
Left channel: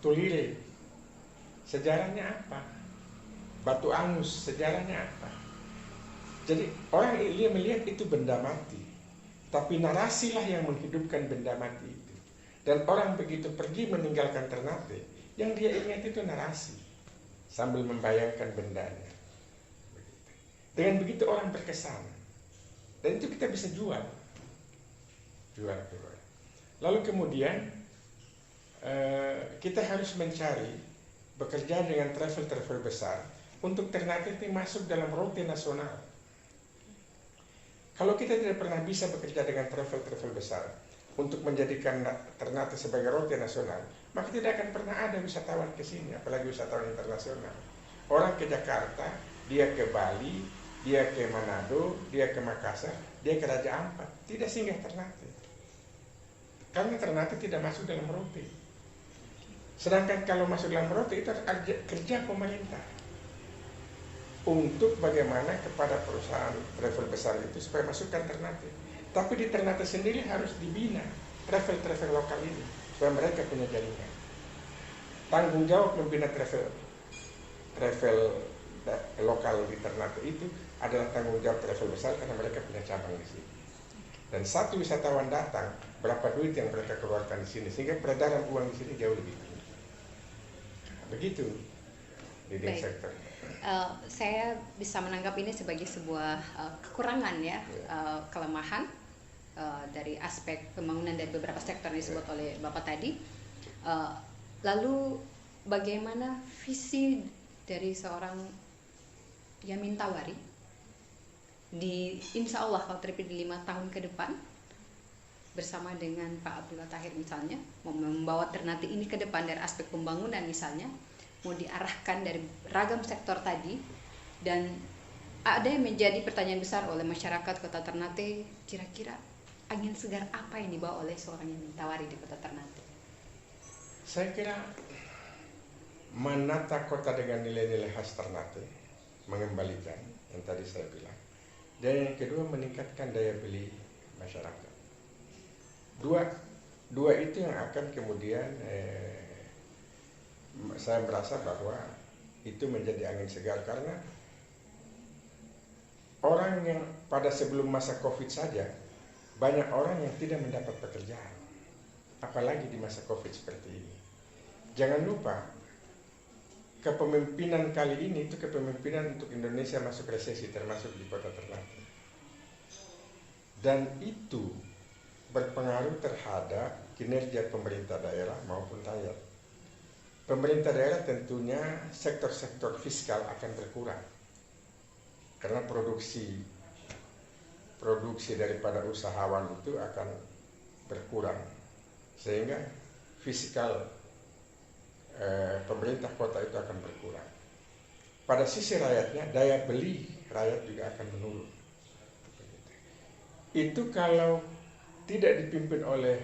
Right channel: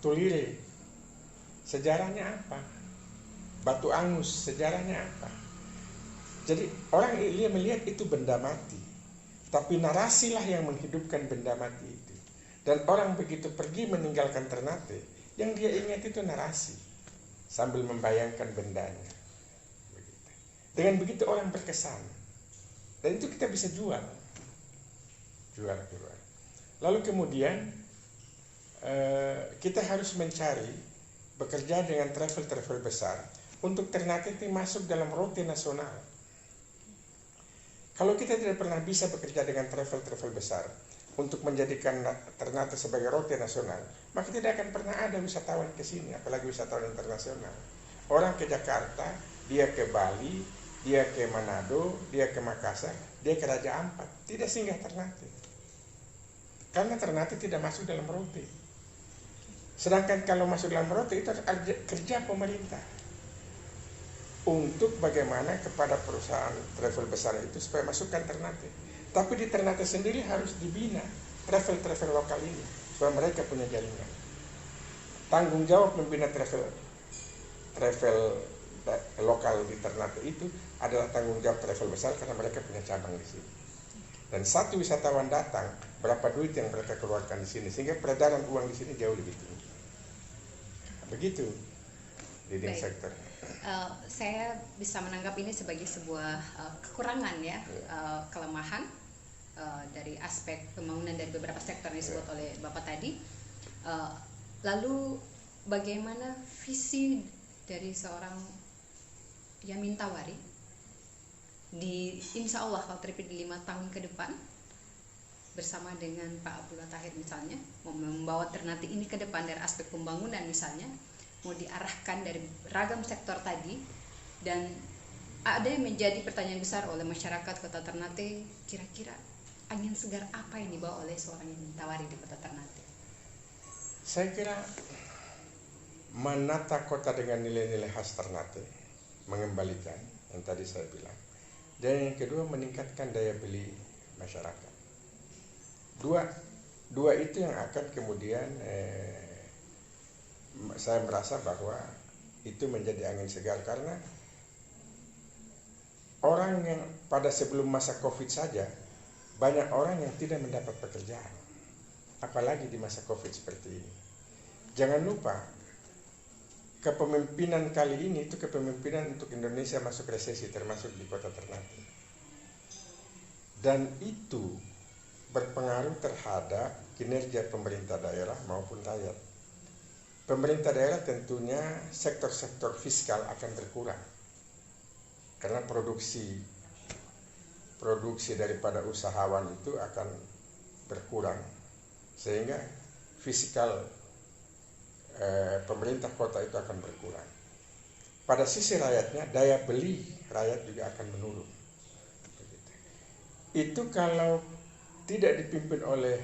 Tulire, sejarahnya apa? Batu Angus, sejarahnya apa? Jadi orang dia melihat itu benda mati, tapi narasilah yang menghidupkan benda mati itu. Dan orang begitu pergi meninggalkan Ternate, yang dia ingat itu narasi, sambil membayangkan bendanya. Dengan begitu orang berkesan, dan itu kita bisa jual. Lalu kemudian kita harus mencari, bekerja dengan travel besar untuk Ternate itu masuk dalam rute nasional. Kalau kita tidak pernah bisa bekerja dengan travel besar untuk menjadikan Ternate sebagai rute nasional, maka tidak akan pernah ada wisatawan ke sini, apalagi wisatawan internasional. Orang ke Jakarta, dia ke Bali, dia ke Manado, dia ke Makassar, dia ke Raja Ampat, tidak singgah Ternate. Karena Ternate tidak masuk dalam rute. Sedangkan kalau masuk dalam rute itu kerja pemerintah untuk bagaimana kepada perusahaan travel besar itu supaya masukkan Ternate. Tapi di Ternate sendiri harus dibina travel lokal ini supaya mereka punya jaringan. Tanggung jawab membina travel lokal di Ternate itu adalah tanggung jawab travel besar karena mereka punya cabang di sini. Dan satu wisatawan datang, berapa duit yang mereka keluarkan di sini, sehingga peredaran uang di sini jauh lebih tinggi. Begitu leading sector. Saya bisa menangkap ini sebagai sebuah kekurangan ya, kelemahan dari aspek pembangunan dari beberapa sektor yang disebut oleh Bapak tadi. Lalu bagaimana visi dari seorang Yamin Tawari di insya Allah kalau terpilih di 5 tahun ke depan bersama dengan Pak Abdullah Tahir misalnya, membawa Ternate ini ke depan dari aspek pembangunan misalnya, mau diarahkan dari ragam sektor tadi, dan ada yang menjadi pertanyaan besar oleh masyarakat Kota Ternate, kira-kira angin segar apa yang dibawa oleh seorang Yamin Tawari di Kota Ternate? Saya kira menata kota dengan nilai-nilai khas Ternate, mengembalikan yang tadi saya bilang, dan yang kedua meningkatkan daya beli masyarakat. Dua itu yang akan kemudian saya merasa bahwa itu menjadi angin segar, karena orang yang pada sebelum masa Covid saja banyak orang yang tidak mendapat pekerjaan, apalagi di masa Covid seperti ini. Jangan lupa kepemimpinan kali ini itu kepemimpinan untuk Indonesia masuk resesi, termasuk di Kota Ternate, dan itu berpengaruh terhadap kinerja pemerintah daerah maupun rakyat. Pemerintah daerah tentunya sektor-sektor fiskal akan berkurang karena produksi daripada usahawan itu akan berkurang, sehingga fiskal pemerintah kota itu akan berkurang. Pada sisi rakyatnya, daya beli rakyat juga akan menurun. Itu kalau tidak dipimpin oleh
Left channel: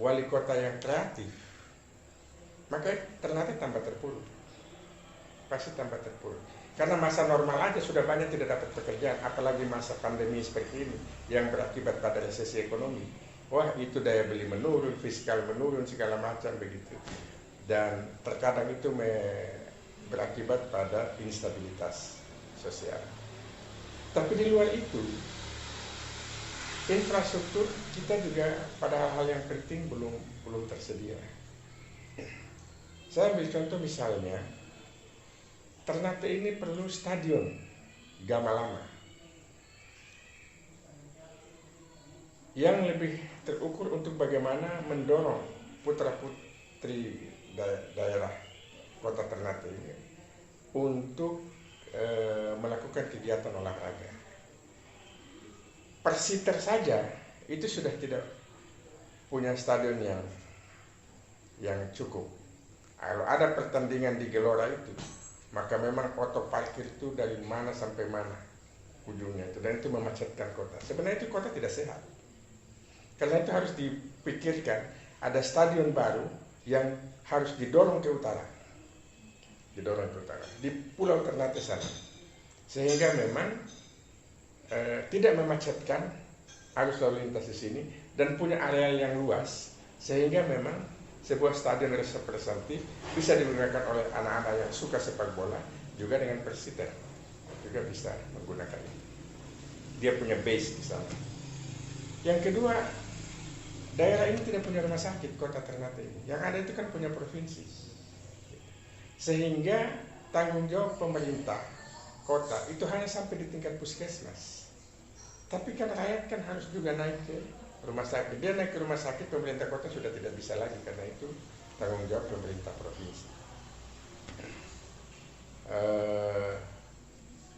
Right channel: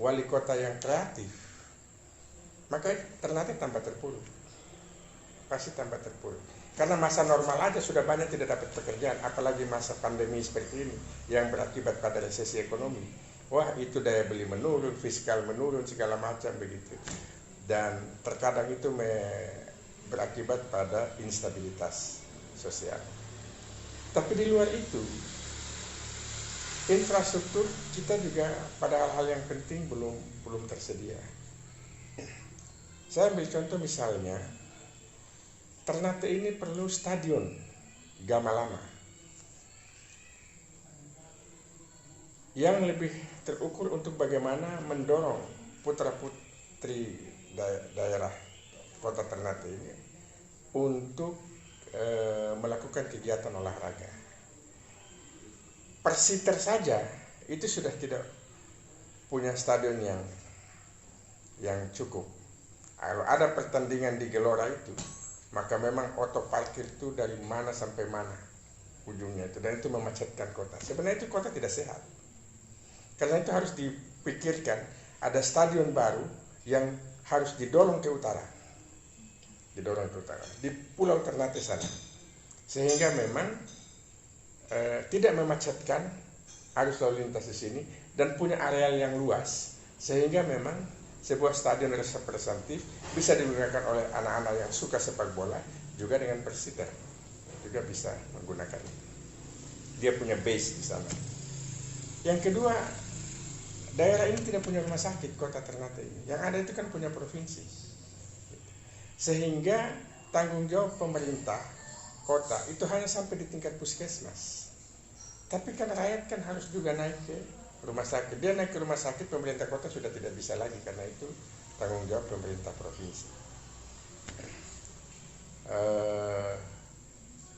wali kota yang kreatif, maka Ternate tambah terpuruk, pasti tambah terpuruk. Karena masa normal aja sudah banyak tidak dapat pekerjaan, apalagi masa pandemi seperti ini yang berakibat pada resesi ekonomi. Wah, itu daya beli menurun, fiskal menurun, segala macam begitu. Dan terkadang itu berakibat pada instabilitas sosial. Tapi di luar itu, infrastruktur kita juga pada hal-hal yang penting belum tersedia. Saya ambil contoh misalnya, Ternate ini perlu stadion Gama Lama yang lebih terukur untuk bagaimana mendorong putra-putri daerah kota Ternate ini untuk melakukan kegiatan olahraga. Persiter saja itu sudah tidak punya stadion yang cukup. Kalau ada pertandingan di Gelora itu, maka memang auto parkir itu dari mana sampai mana ujungnya itu, dan itu memacetkan kota. Sebenarnya itu kota tidak sehat. Karena itu harus dipikirkan ada stadion baru yang harus didorong ke utara. Di Pulau Ternate sana. Sehingga memang tidak memacetkan arus lalu lintas di sini dan punya area yang luas, sehingga memang sebuah stadion representatif bisa digunakan oleh anak-anak yang suka sepak bola, juga dengan Persiter juga bisa menggunakan itu. Dia punya base di sana. Yang kedua, daerah ini tidak punya rumah sakit, kota Ternate ini. Yang ada itu kan punya provinsi. Sehingga tanggung jawab pemerintah kota itu hanya sampai di tingkat puskesmas. Tapi kan rakyat kan harus juga naik ke rumah sakit. Dia naik ke rumah sakit, pemerintah kota sudah tidak bisa lagi, karena itu tanggung jawab pemerintah provinsi.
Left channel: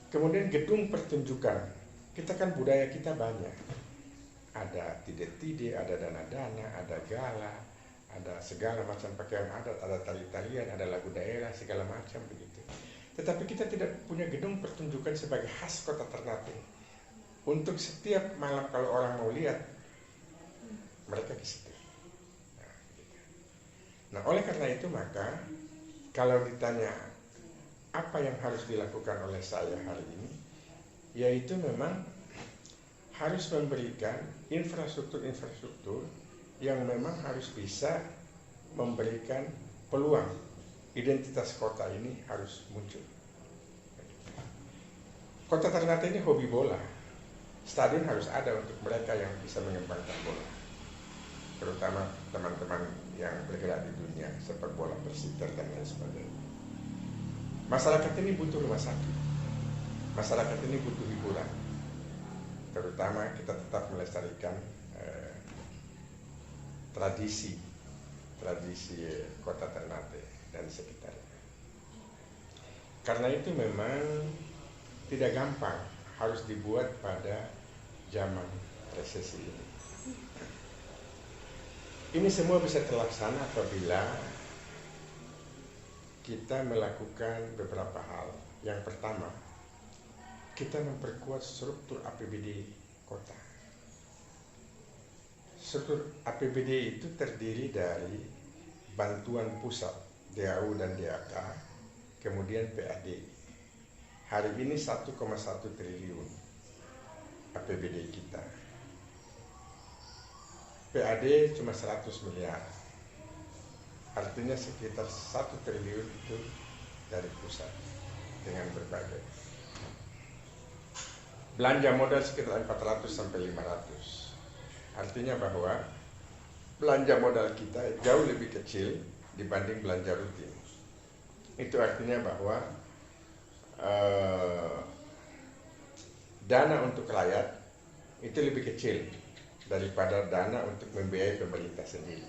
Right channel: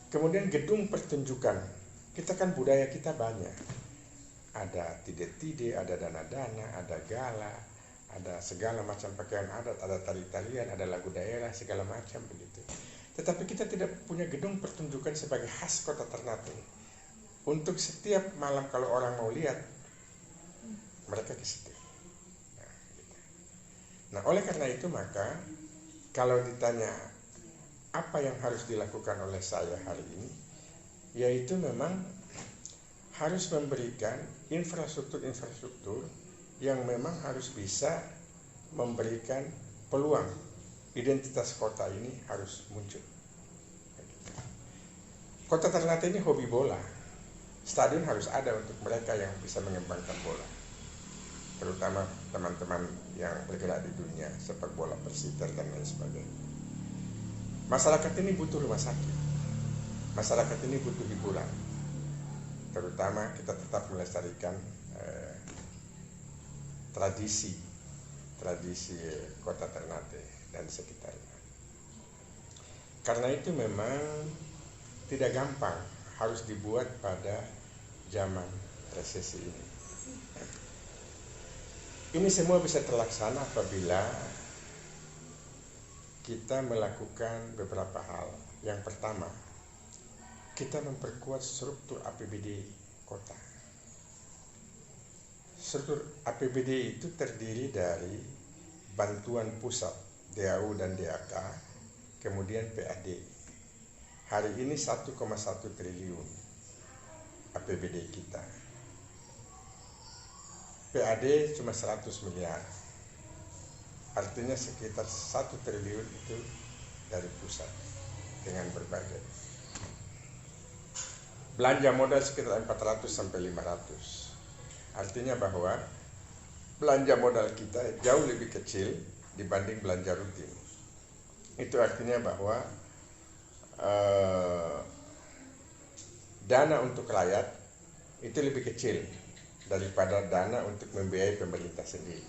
Kemudian gedung pertunjukan, kita kan budaya kita banyak. Ada tide-tide, ada dana-dana, ada gala, ada segala macam pakaian adat, ada tari-tarian, ada lagu daerah, segala macam begitu. Tetapi kita tidak punya gedung pertunjukan sebagai khas kota Ternate. Untuk setiap malam kalau orang mau lihat, mereka ke situ. Nah, oleh karena itu maka kalau ditanya apa yang harus dilakukan oleh saya hari ini, yaitu memang harus memberikan infrastruktur yang memang harus bisa memberikan peluang identitas kota ini harus muncul. Kota Ternate ini hobi bola, stadion harus ada untuk mereka yang bisa mengembangkan bola, terutama teman-teman yang bergerak di dunia sepak bola, Persiter dan lain sebagainya. Masyarakat ini butuh rumah sakit, masyarakat ini butuh hiburan, terutama kita tetap melestarikan tradisi kota Ternate dan sekitarnya. Karena itu memang tidak gampang, harus dibuat pada zaman resesi ini. Ini semua bisa terlaksana apabila kita melakukan beberapa hal. Yang pertama, kita memperkuat struktur APBD kota. Struktur APBD itu terdiri dari bantuan pusat, DAU dan DAK, kemudian PAD. Hari ini 1,1 triliun APBD kita. PAD cuma 100 miliar. Artinya sekitar 1 triliun itu dari pusat dengan berbagai. Belanja modal sekitar 400 sampai 500. Artinya bahwa belanja modal kita jauh lebih kecil dibanding belanja rutin. Itu artinya bahwa dana untuk rakyat itu lebih kecil daripada dana untuk membiayai pemerintah sendiri.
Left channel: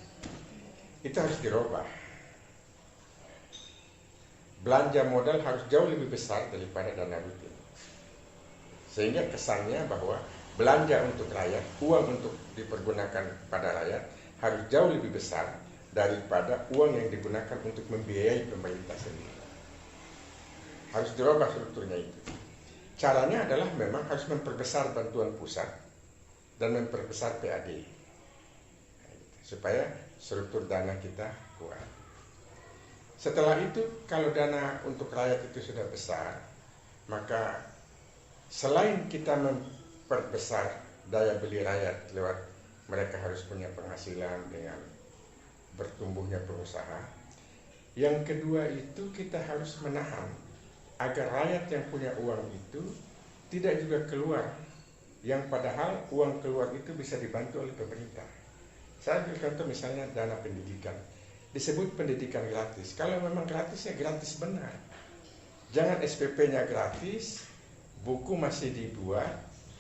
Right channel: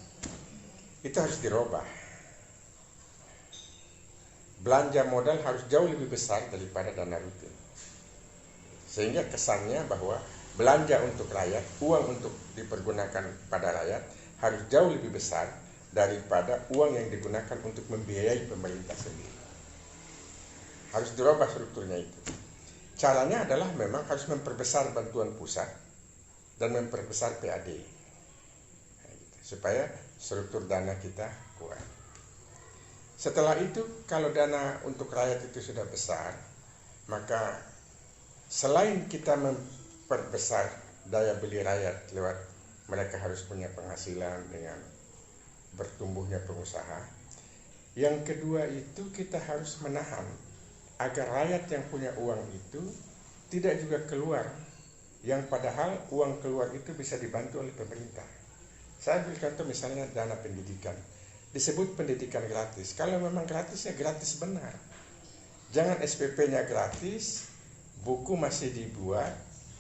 Itu harus dirubah. Belanja modal harus jauh lebih besar daripada dana rutin. Sehingga kesannya bahwa belanja untuk rakyat, uang untuk dipergunakan pada rakyat harus jauh lebih besar daripada uang yang digunakan untuk membiayai pemerintah sendiri. Harus dirubah strukturnya itu. Caranya adalah memang harus memperbesar bantuan pusat dan memperbesar PAD supaya struktur dana kita kuat. Setelah itu, kalau dana untuk rakyat itu sudah besar, maka selain kita memperbesar daya beli rakyat lewat mereka harus punya penghasilan dengan bertumbuhnya pengusaha, yang kedua itu kita harus menahan agar rakyat yang punya uang itu tidak juga keluar yang padahal uang keluar itu bisa dibantu oleh pemerintah. Saya beri contoh misalnya dana pendidikan. Disebut pendidikan gratis. Kalau memang gratis ya gratis benar. Jangan SPP-nya gratis, buku masih dibuat,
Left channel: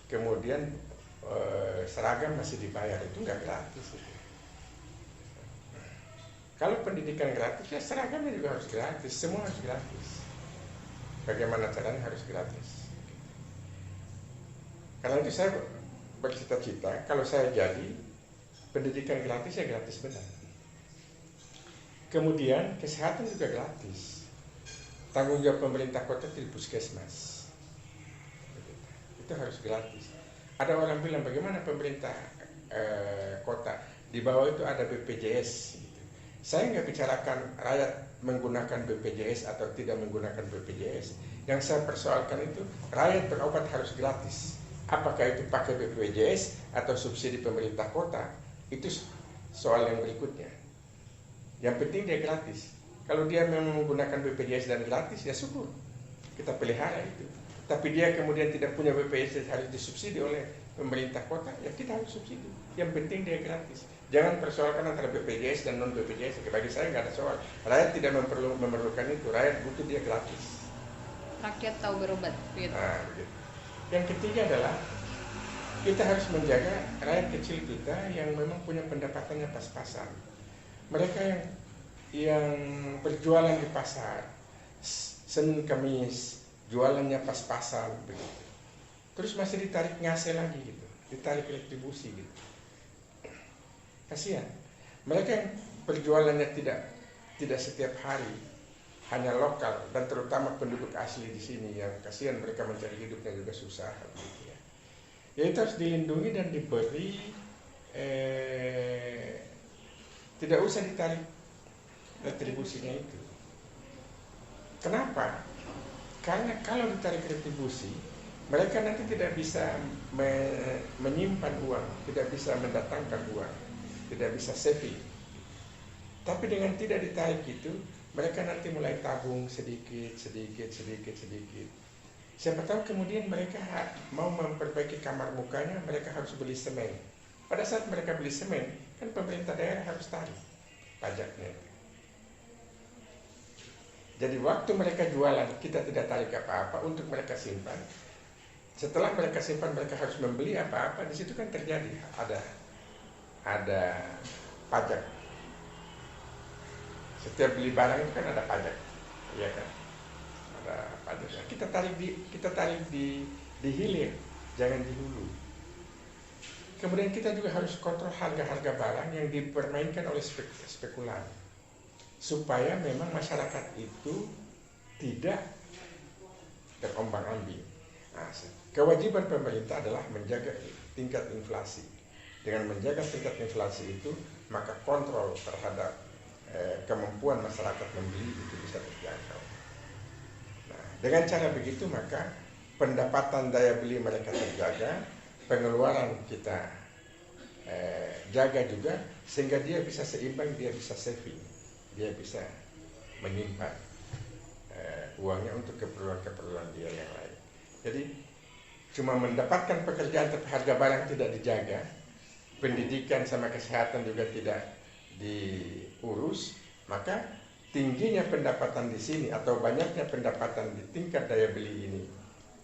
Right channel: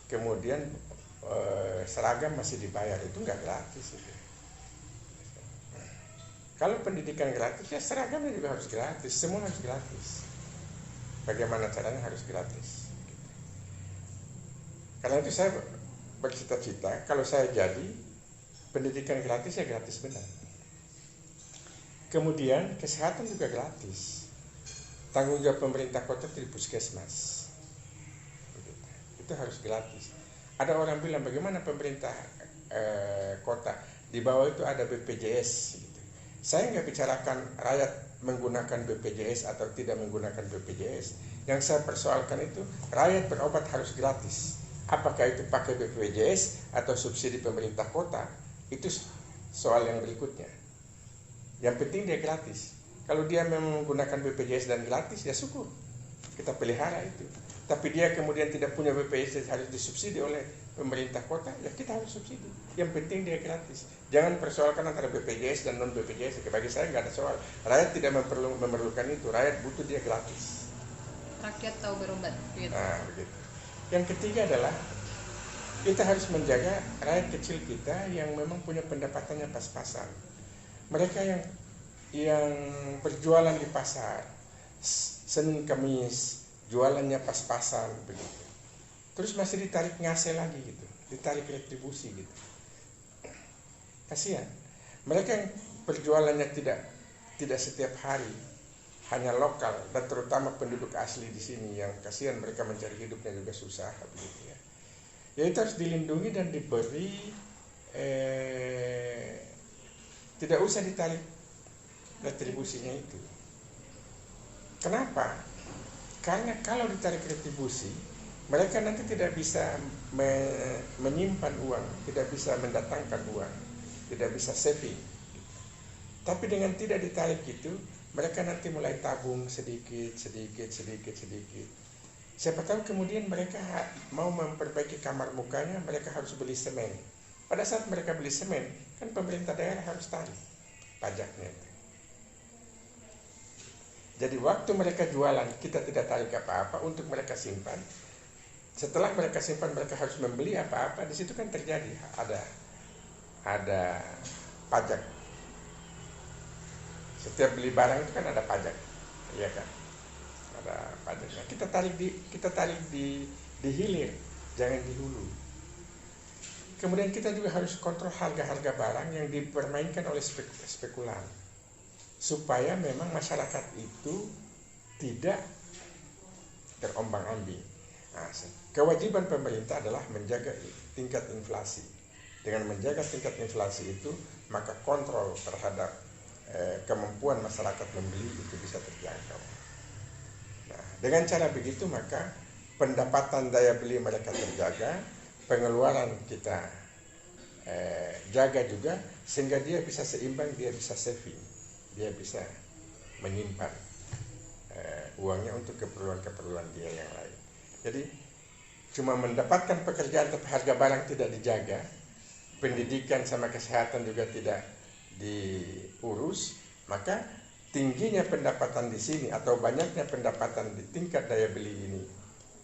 kemudian seragam masih dibayar. Itu nggak gratis itu. Kalau pendidikan gratis ya seragamnya juga harus gratis, semua harus gratis. Bagaimana caranya harus gratis. Karena itu saya bercita-cita kalau saya jadi pendidikan gratis ya gratis benar. Kemudian kesehatan juga gratis. Tanggung jawab pemerintah kota di puskesmas. Itu harus gratis. Ada orang bilang bagaimana pemerintah kota di bawah itu ada BPJS. Saya nggak bicarakan rakyat menggunakan BPJS atau tidak menggunakan BPJS. Yang saya persoalkan itu rakyat berobat harus gratis. Apakah itu pakai BPJS atau subsidi pemerintah kota? Itu soal yang berikutnya. Yang penting dia gratis. Kalau dia menggunakan BPJS dan gratis, ya syukur. Kita pelihara itu. Tapi dia kemudian tidak punya BPJS harus disubsidi oleh pemerintah kota, ya kita harus subsidi. Yang penting dia gratis. Jangan persoalkan antara BPJS dan non BPJS. Bagi saya nggak ada soal. Rakyat tidak memerlukan itu. Rakyat butuh dia gratis. Rakyat tahu berobat. Begitu. Nah, begitu. Yang ketiga adalah kita harus menjaga rakyat kecil kita yang memang punya pendapatannya pas-pasan. Mereka yang berjualan di pasar, Senin Kamis, jualannya pas-pasan begitu. Terus masih ditarik ngase lagi gitu, ditarik retribusi gitu. Kasihan. Mereka yang berjualannya tidak setiap hari, hanya lokal dan terutama penduduk asli di sini yang kasihan mereka mencari hidupnya juga susah begitu ya. Ya itu harus dilindungi dan diberi tidak usah ditarik retribusinya itu. Kenapa? Karena kalau ditarik retribusi, mereka nanti tidak bisa menyimpan uang, tidak bisa mendatangkan uang, tidak bisa saving. Tapi dengan tidak ditarik itu, mereka nanti mulai tabung sedikit. Siapa tahu kemudian mereka mau memperbaiki kamar mukanya, mereka harus beli semen. Pada saat mereka beli semen, kan pemerintah daerah harus tarik pajaknya. Jadi waktu mereka jualan, kita tidak tarik apa-apa untuk mereka simpan. Setelah mereka simpan, mereka harus membeli apa-apa. Di situ kan terjadi ada pajak. Setiap beli barang itu kan ada pajak, ya kan? Ada pajaknya. Kita tarik di hilir, jangan di hulu. Kemudian kita juga harus kontrol harga-harga barang yang dipermainkan oleh spekulan, supaya memang masyarakat itu tidak terombang-ambing. Nah, kewajiban pemerintah adalah menjaga tingkat inflasi. Dengan menjaga tingkat inflasi itu, maka kontrol terhadap kemampuan masyarakat membeli itu bisa terjangkau. Nah, dengan cara begitu maka pendapatan daya beli mereka terjaga, pengeluaran kita jaga juga, sehingga dia bisa seimbang, dia bisa saving, dia bisa menyimpan uangnya untuk keperluan-keperluan dia yang lain. Jadi cuma mendapatkan pekerjaan tapi harga barang tidak dijaga, pendidikan sama kesehatan juga tidak diurus, maka tingginya pendapatan di sini atau banyaknya pendapatan di tingkat daya beli ini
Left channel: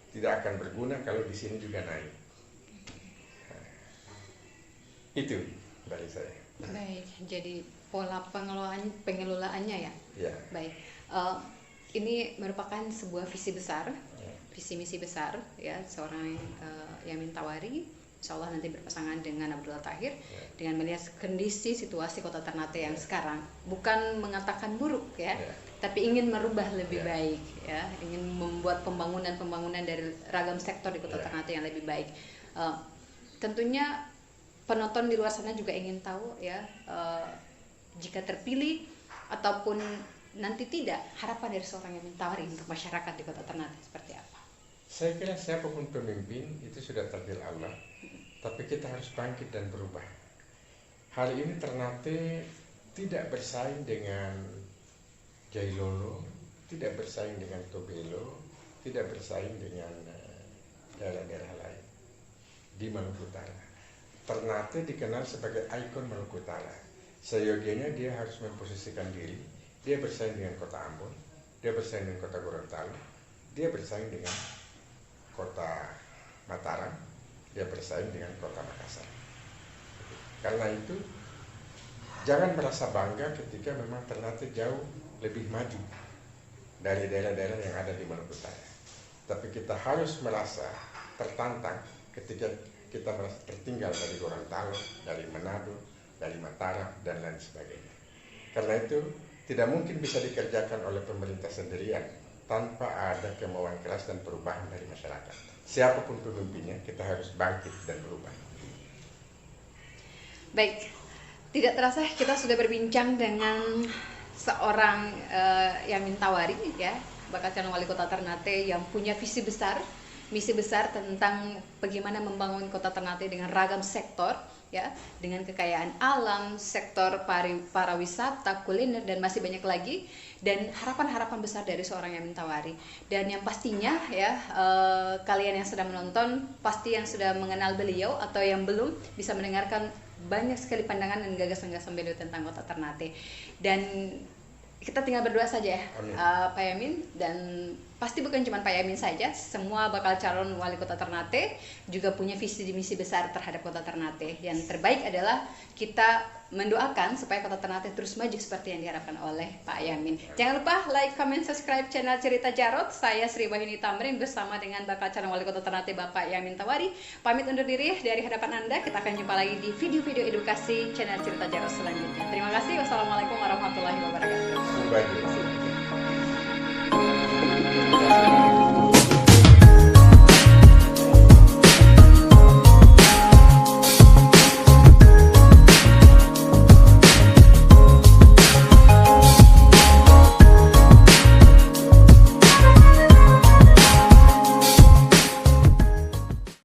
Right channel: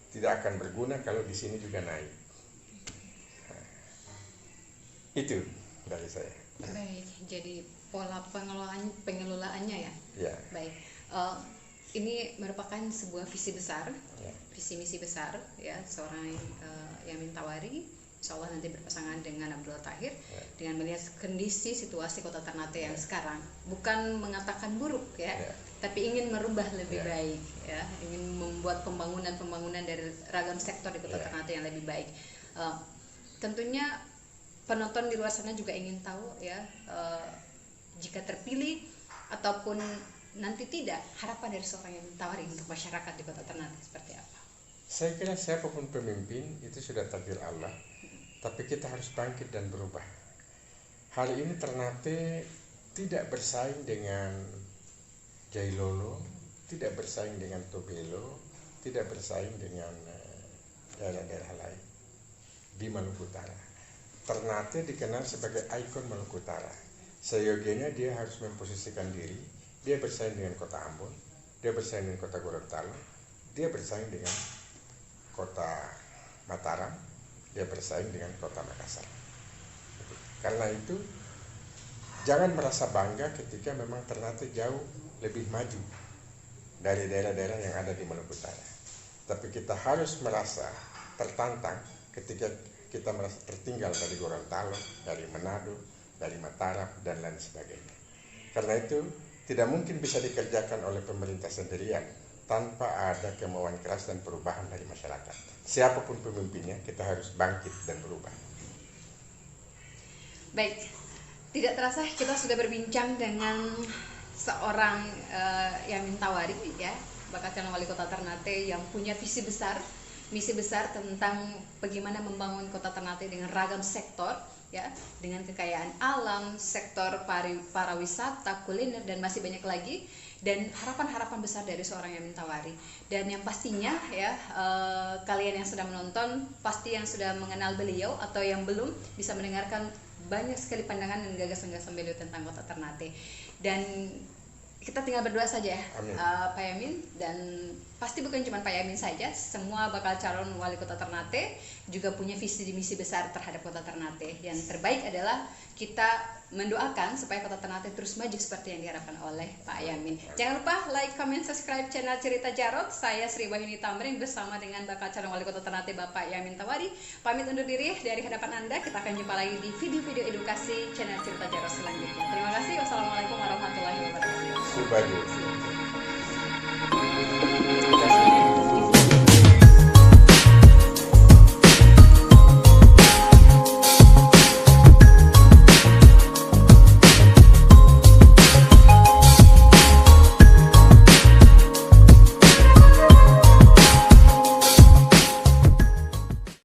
tidak akan berguna kalau di sini juga naik. Nah, itu dari saya. Baik, jadi pola pengelolaannya ya. Ya. Baik, ini merupakan sebuah visi besar, Ya. visi misi besar ya seorang Yamin Tawari. Insya Allah nanti berpasangan dengan Abdullah Tahir, dengan melihat kondisi situasi Kota Ternate yang sekarang, bukan mengatakan buruk ya, tapi ingin merubah lebih baik ya, ingin membuat pembangunan dari ragam sektor di Kota Ternate yang lebih baik. Tentunya penonton di luar sana juga ingin tahu ya, jika terpilih ataupun nanti tidak, harapan dari seorang Yamin Tawari untuk masyarakat di Kota Ternate seperti apa? Saya kira siapapun pemimpin itu sudah takdir Allah, tapi kita harus bangkit dan berubah. Hari ini Ternate tidak bersaing dengan Jailolo, tidak bersaing dengan Tobelo, tidak bersaing dengan daerah-daerah lain. di Maluku Utara. Ternate dikenal sebagai ikon Maluku Utara. Seyogianya dia harus memposisikan diri, dia bersaing dengan kota Ambon, dia bersaing dengan kota Gorontalo, dia bersaing dengan kota Mataram, dia bersaing dengan kota Makassar. Karena itu, jangan merasa bangga ketika memang Ternate jauh lebih maju dari daerah-daerah yang ada di Maluku Utara. Tapi kita harus merasa tertantang ketika kita merasa tertinggal dari Gorontalo, dari Manado, dari Mataram, dan lain sebagainya. Karena itu, tidak mungkin bisa dikerjakan oleh pemerintah sendirian tanpa ada kemauan keras dan perubahan dari masyarakat. Siapapun pemimpinnya, kita harus bangkit dan berubah. Baik, tidak terasa kita sudah berbincang dengan seorang Yamin Tawari, ya, bakal calon wali kota Ternate yang punya visi besar, misi besar tentang bagaimana membangun kota Ternate dengan ragam sektor, ya, dengan kekayaan alam, sektor pariwisata, kuliner, dan masih banyak lagi, dan harapan-harapan besar dari seorang Yamin Tawari. Dan yang pastinya, ya, kalian yang sudah menonton pasti yang sudah mengenal beliau atau yang belum bisa mendengarkan banyak sekali pandangan dan gagasan-gagasan beliau tentang kota Ternate. Dan kita tinggal berdoa saja ya, Pak Yamin, dan pasti bukan cuma Pak Yamin saja, semua bakal calon wali kota Ternate juga punya visi misi besar terhadap kota Ternate. Yang terbaik adalah kita mendoakan supaya kota Ternate terus maju seperti yang diharapkan oleh Pak Yamin. Jangan lupa like, comment, subscribe channel Cerita Jarot. Saya Sri Wahyuni Tamrin bersama dengan bakal calon wali kota Ternate Bapak Yamin Tawari. Pamit undur diri dari hadapan Anda. Kita akan jumpa lagi di video-video edukasi channel Cerita Jarot selanjutnya. Terima kasih. Wassalamualaikum warahmatullahi wabarakatuh. Subhanallah.